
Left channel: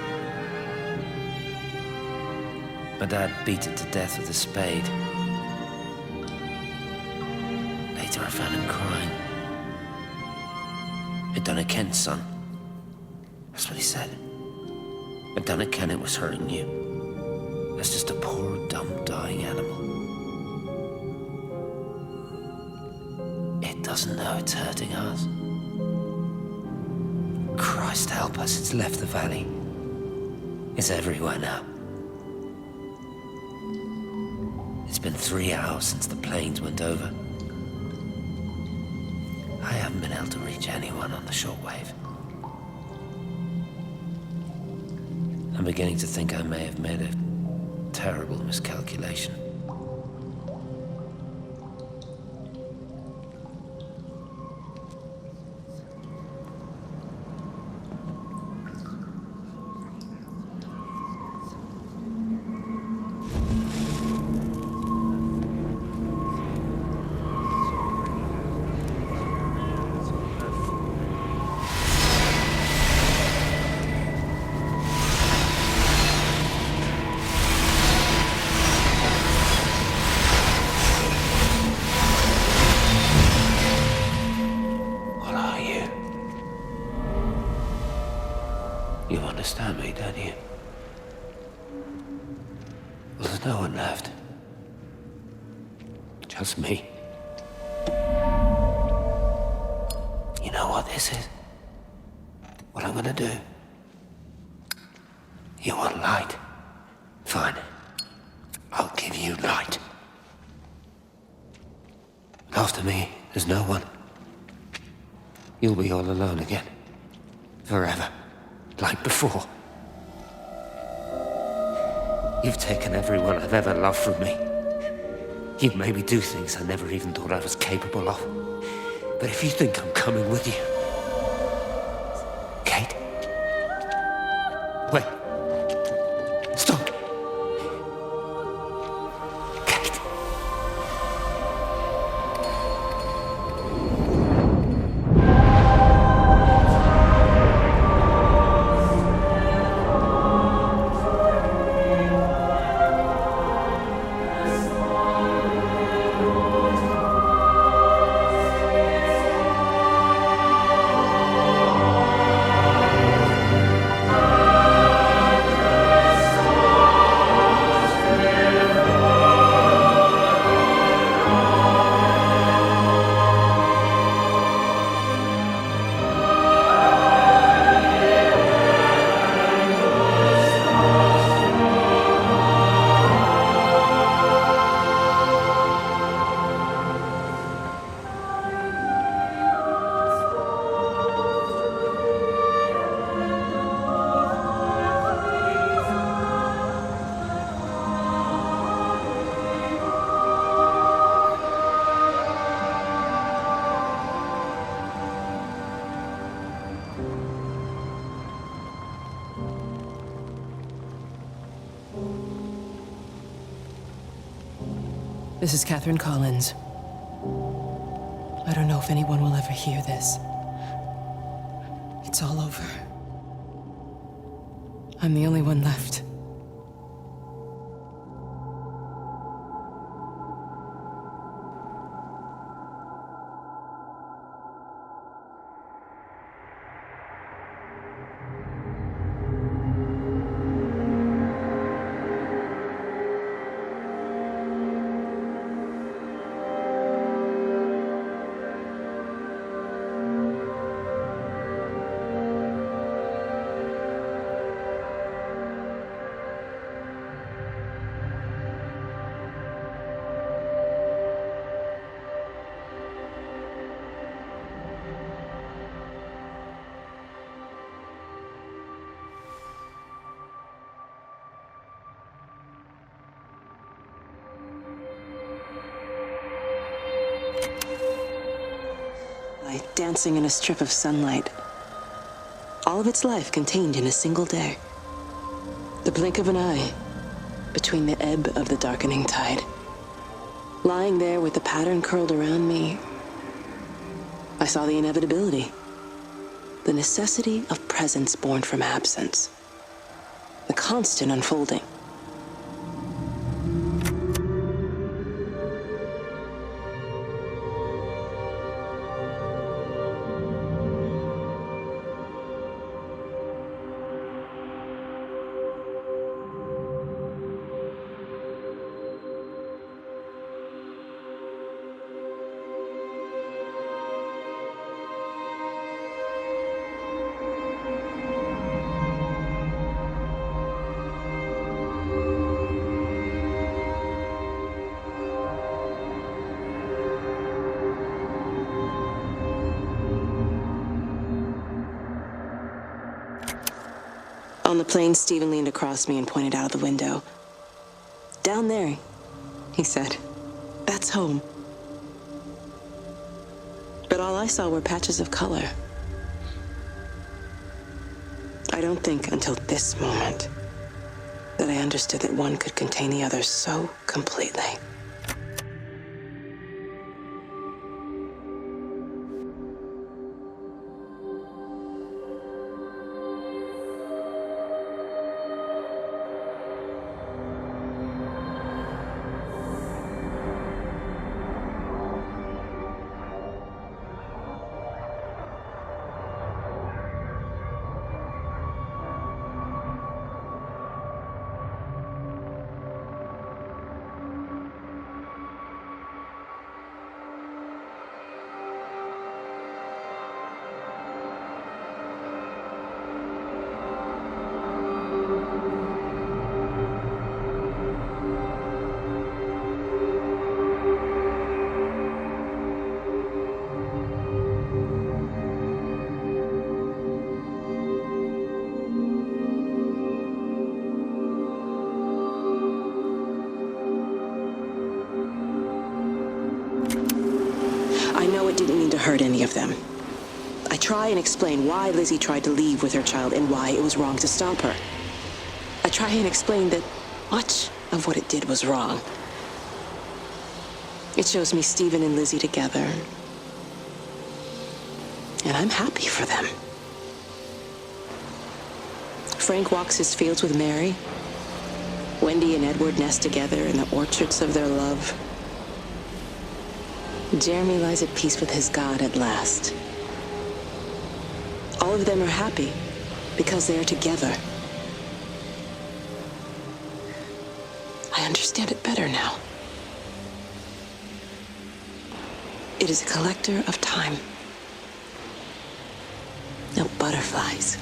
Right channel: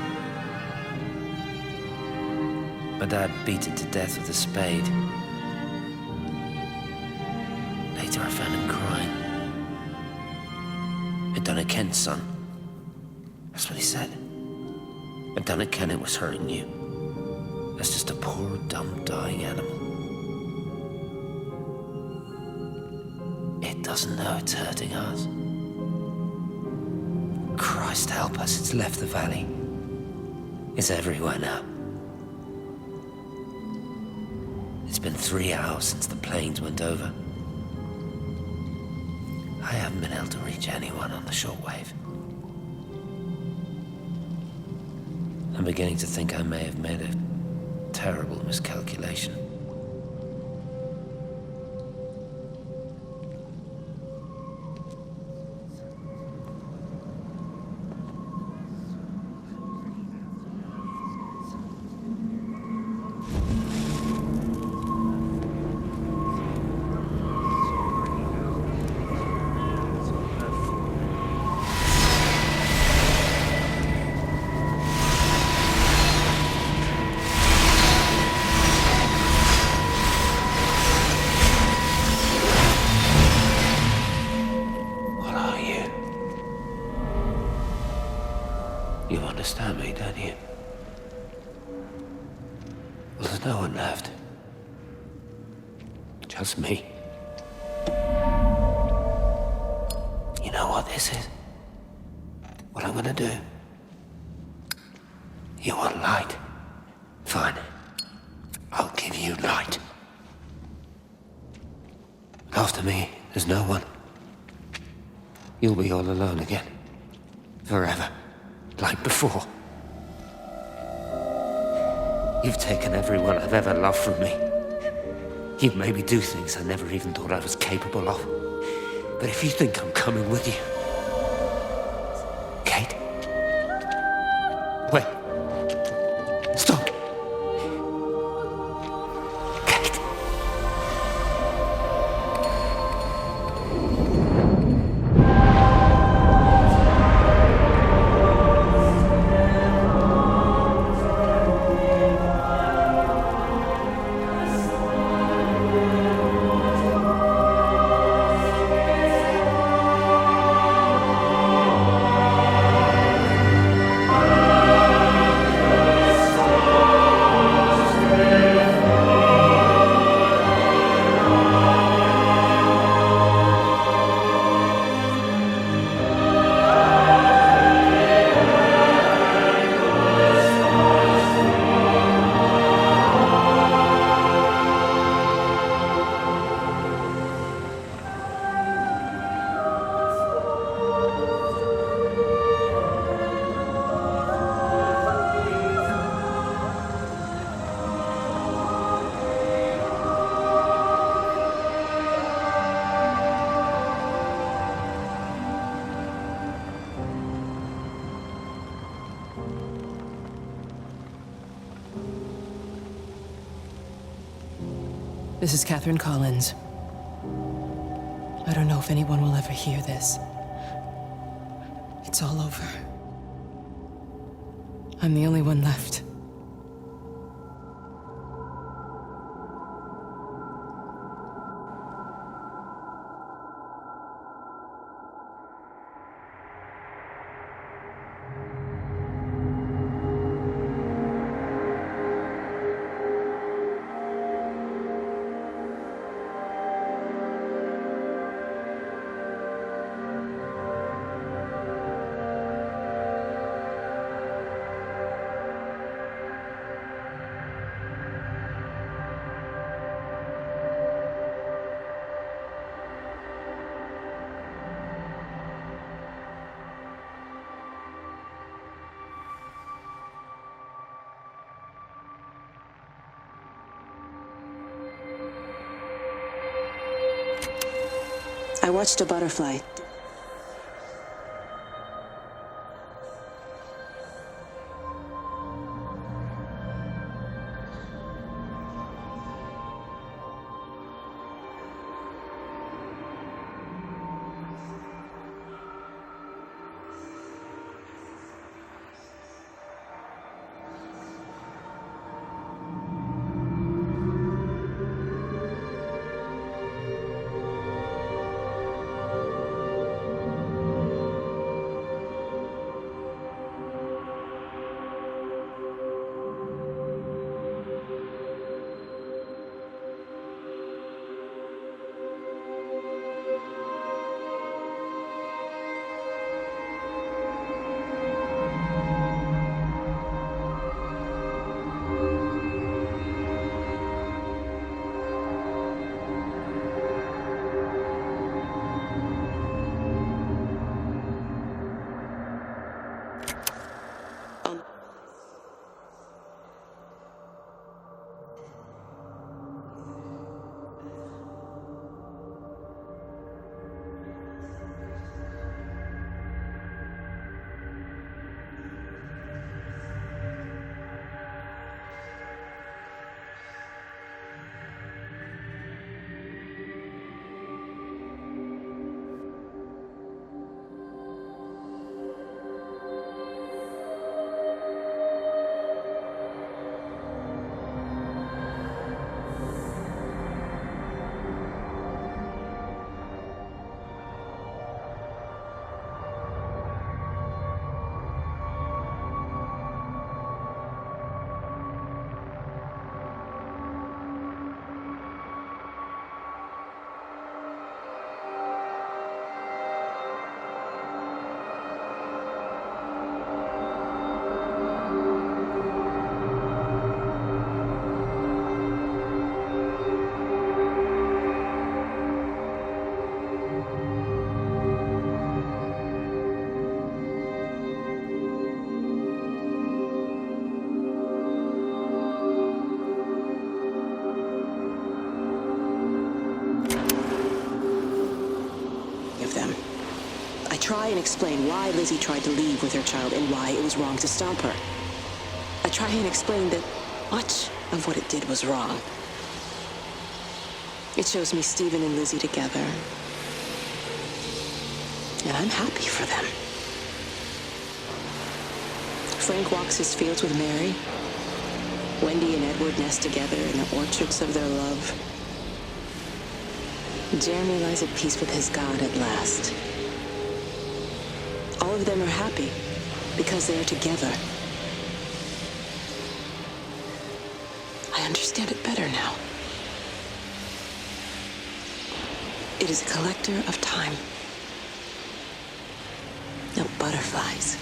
My dad beat it to death with a spade. Later I found him crying. I'd done it, Ken's son. That's what he said. I'd done it, Ken, it was hurting you. As just a poor, dumb, dying animal. It doesn't know it's hurting us. Christ help us, it's left the valley. It's everywhere now. It's been 3 hours since the planes went over. I haven't been able to reach anyone on the shortwave. I'm beginning to think I may have made a terrible miscalculation. You understand me, don't you? Well, there's no one left. Just me. You know what this is? What I'm gonna do? You want light? Fine. I'll give you light. After me, there's no one. You'll be all alone again. Forever. Like before. You've taken everyone I've ever loved from me. You've made me do things I never even thought I was capable of. But if you think I'm coming with you... Kate? Wait. Stop. Kate. This is Catherine Collins. I don't know if anyone will ever hear this. It's all over. I'm the only one left. I watched a butterfly dancing in a strip of sunlight. All of its life contained in a single day. The blink of an eye between the ebb of the darkening tide. Lying there with the pattern curled around me, I saw the inevitability. The necessity of presence born from absence. The constant unfolding. On the plane, Stephen leaned across me and pointed out of the window. Down there, he said. That's home. But all I saw were patches of color. I don't think until this moment that I understood that one could contain the other so completely. Hurt any of them. I try and explain why Lizzie tried to leave with her child and why it was wrong to stop her. I try and explain that much of what it did was wrong. It shows me Stephen and Lizzie together, and I'm happy for them. Frank walks his fields with Mary. Wendy and Edward nest together in the orchards of their love. Jeremy lies at peace with his God at last. All of them are happy because they are together. I understand it better now. It is a collector of time. No butterflies.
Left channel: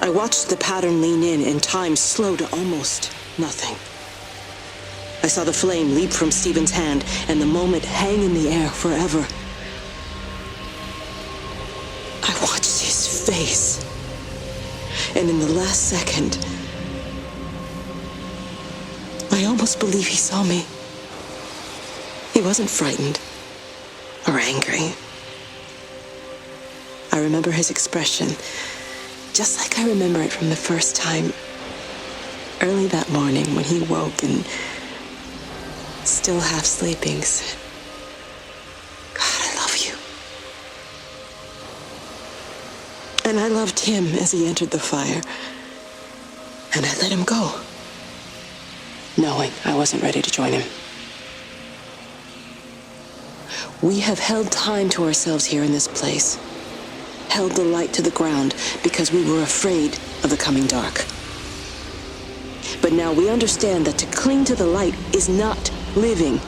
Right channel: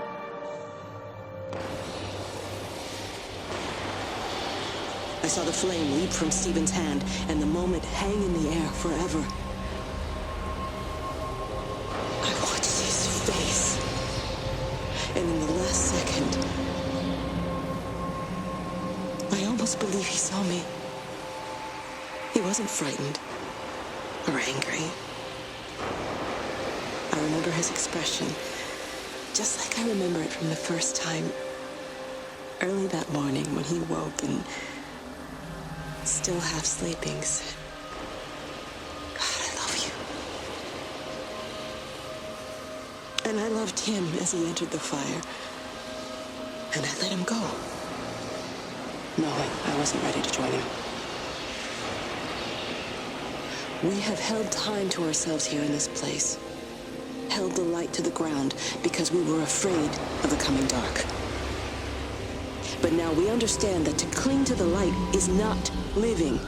I watched the pattern lean in and time slow to almost nothing. I saw the flame leap from Stephen's hand and the moment hang in the air forever. I watched his face, and in the last second, I almost believe he saw me. He wasn't frightened or angry. I remember his expression, just like I remember it from the first time, early that morning when he woke and, still half sleeping, said, "God, I love you." And I loved him as he entered the fire, and I let him go, knowing I wasn't ready to join him. We have held time to ourselves here in this place. Held the light to the ground because we were afraid of the coming dark. But now we understand that to cling to the light is not living.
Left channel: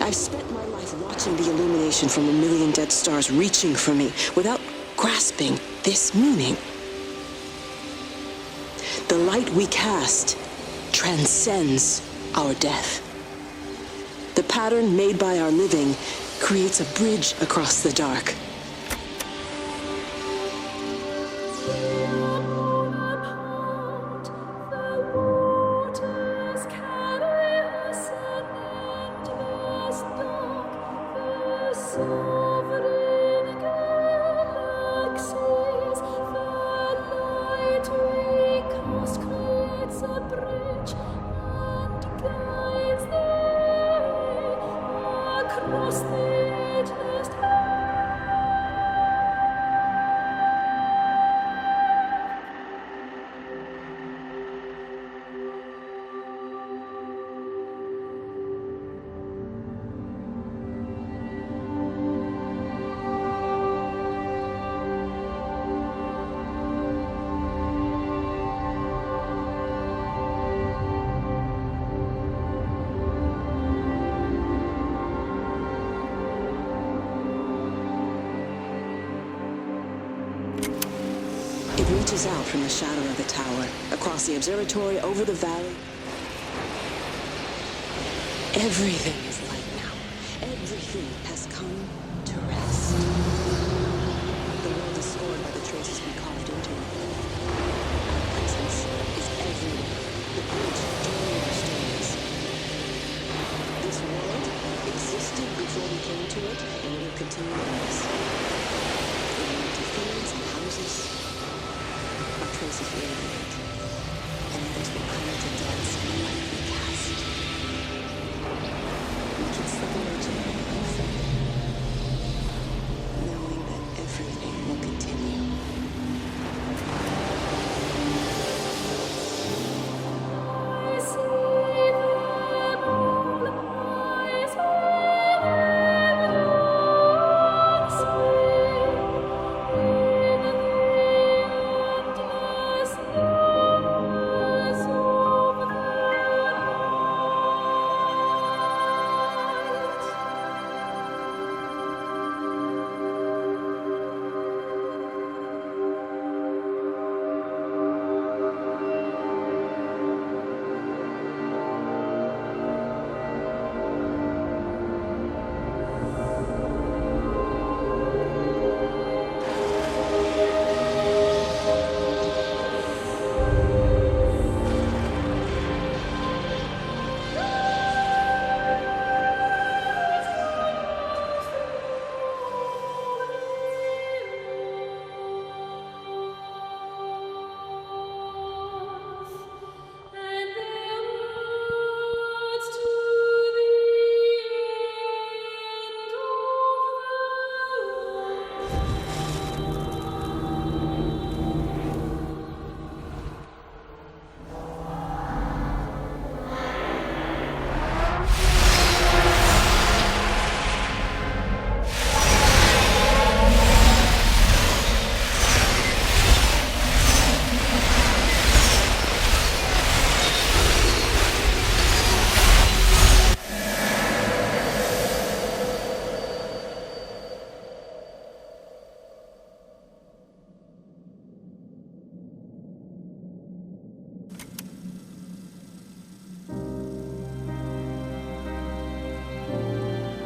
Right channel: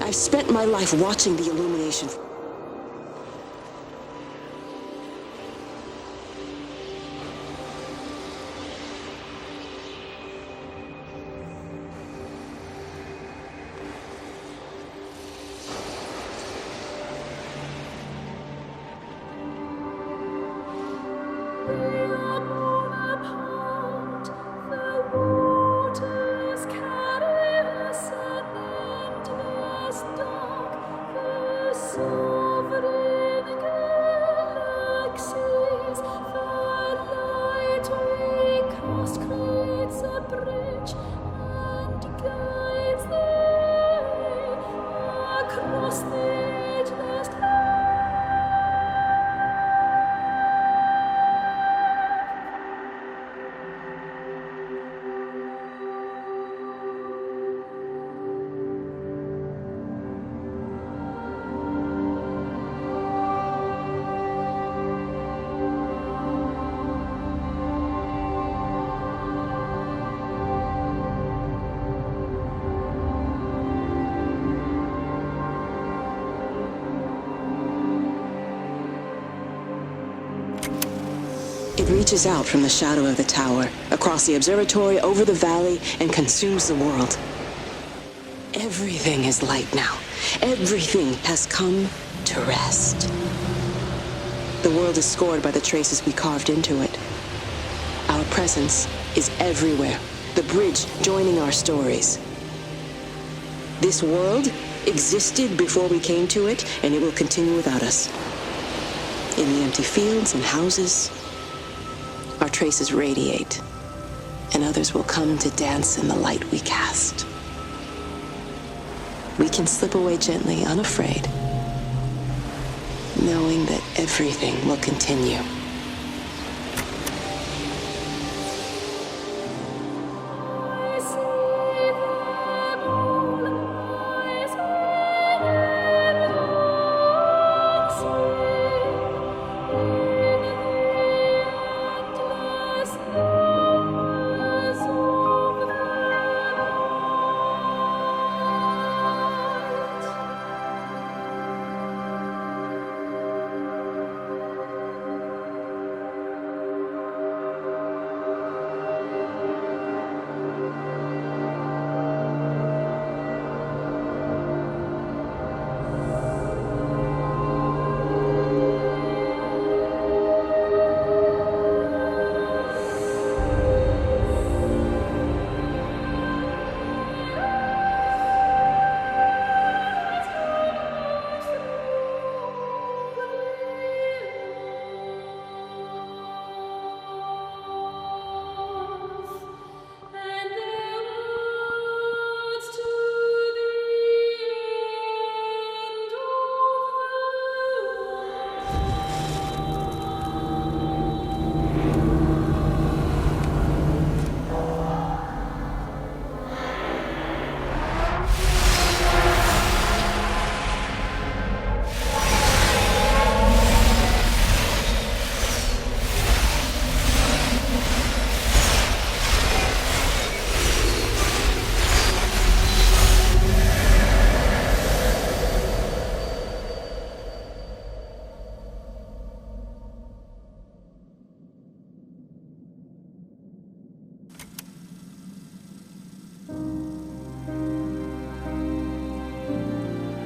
I've spent my life watching the illumination from a million dead stars reaching for me without grasping this meaning. The light we cast transcends our death. The pattern made by our living creates a bridge across the dark. It reaches out from the shadow of the tower, across the observatory, over the valley, and consumes the world. Everything is light now. Everything has come to rest. The world is scored by the traces we carved into it. Our presence is everywhere, the bridge joining our stories. This world existed before we came to it, and it will continue without us. In the empty fields and houses, our traces radiate, and others will come to dance in the light we cast. We can slip away gently, unafraid, knowing that everything will continue.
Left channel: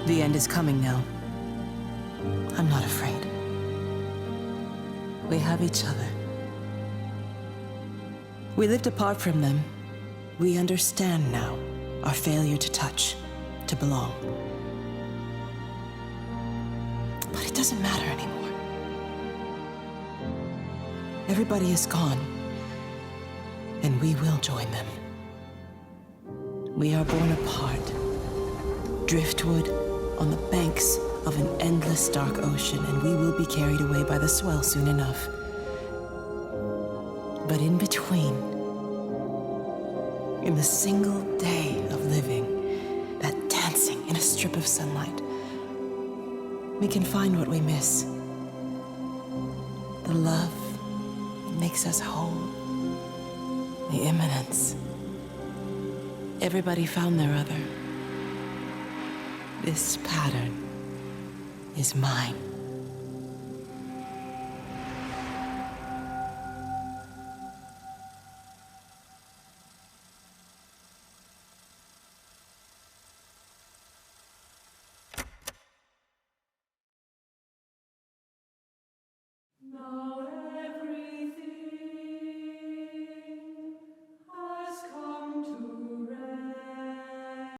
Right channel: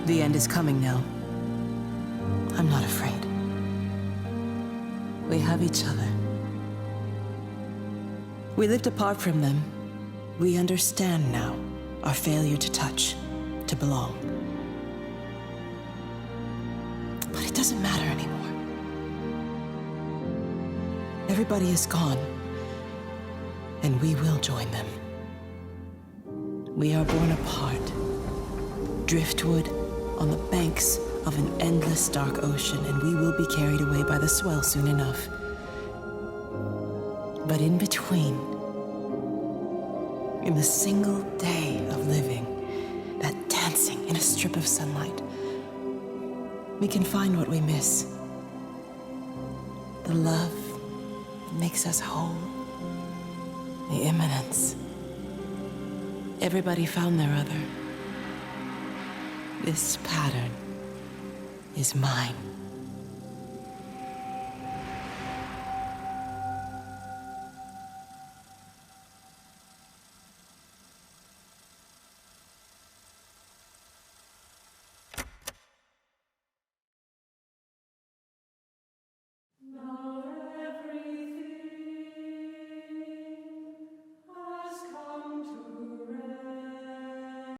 The end is coming now. I'm not afraid. We have each other. We lived apart from them. We understand now our failure to touch, to belong. But it doesn't matter anymore. Everybody is gone, and we will join them. We are born apart, driftwood on the banks of an endless dark ocean, and we will be carried away by the swell soon enough. But in between, in the single day of living, that dancing in a strip of sunlight, we can find what we miss. The love that makes us whole. The imminence. Everybody found their other. This pattern is mine.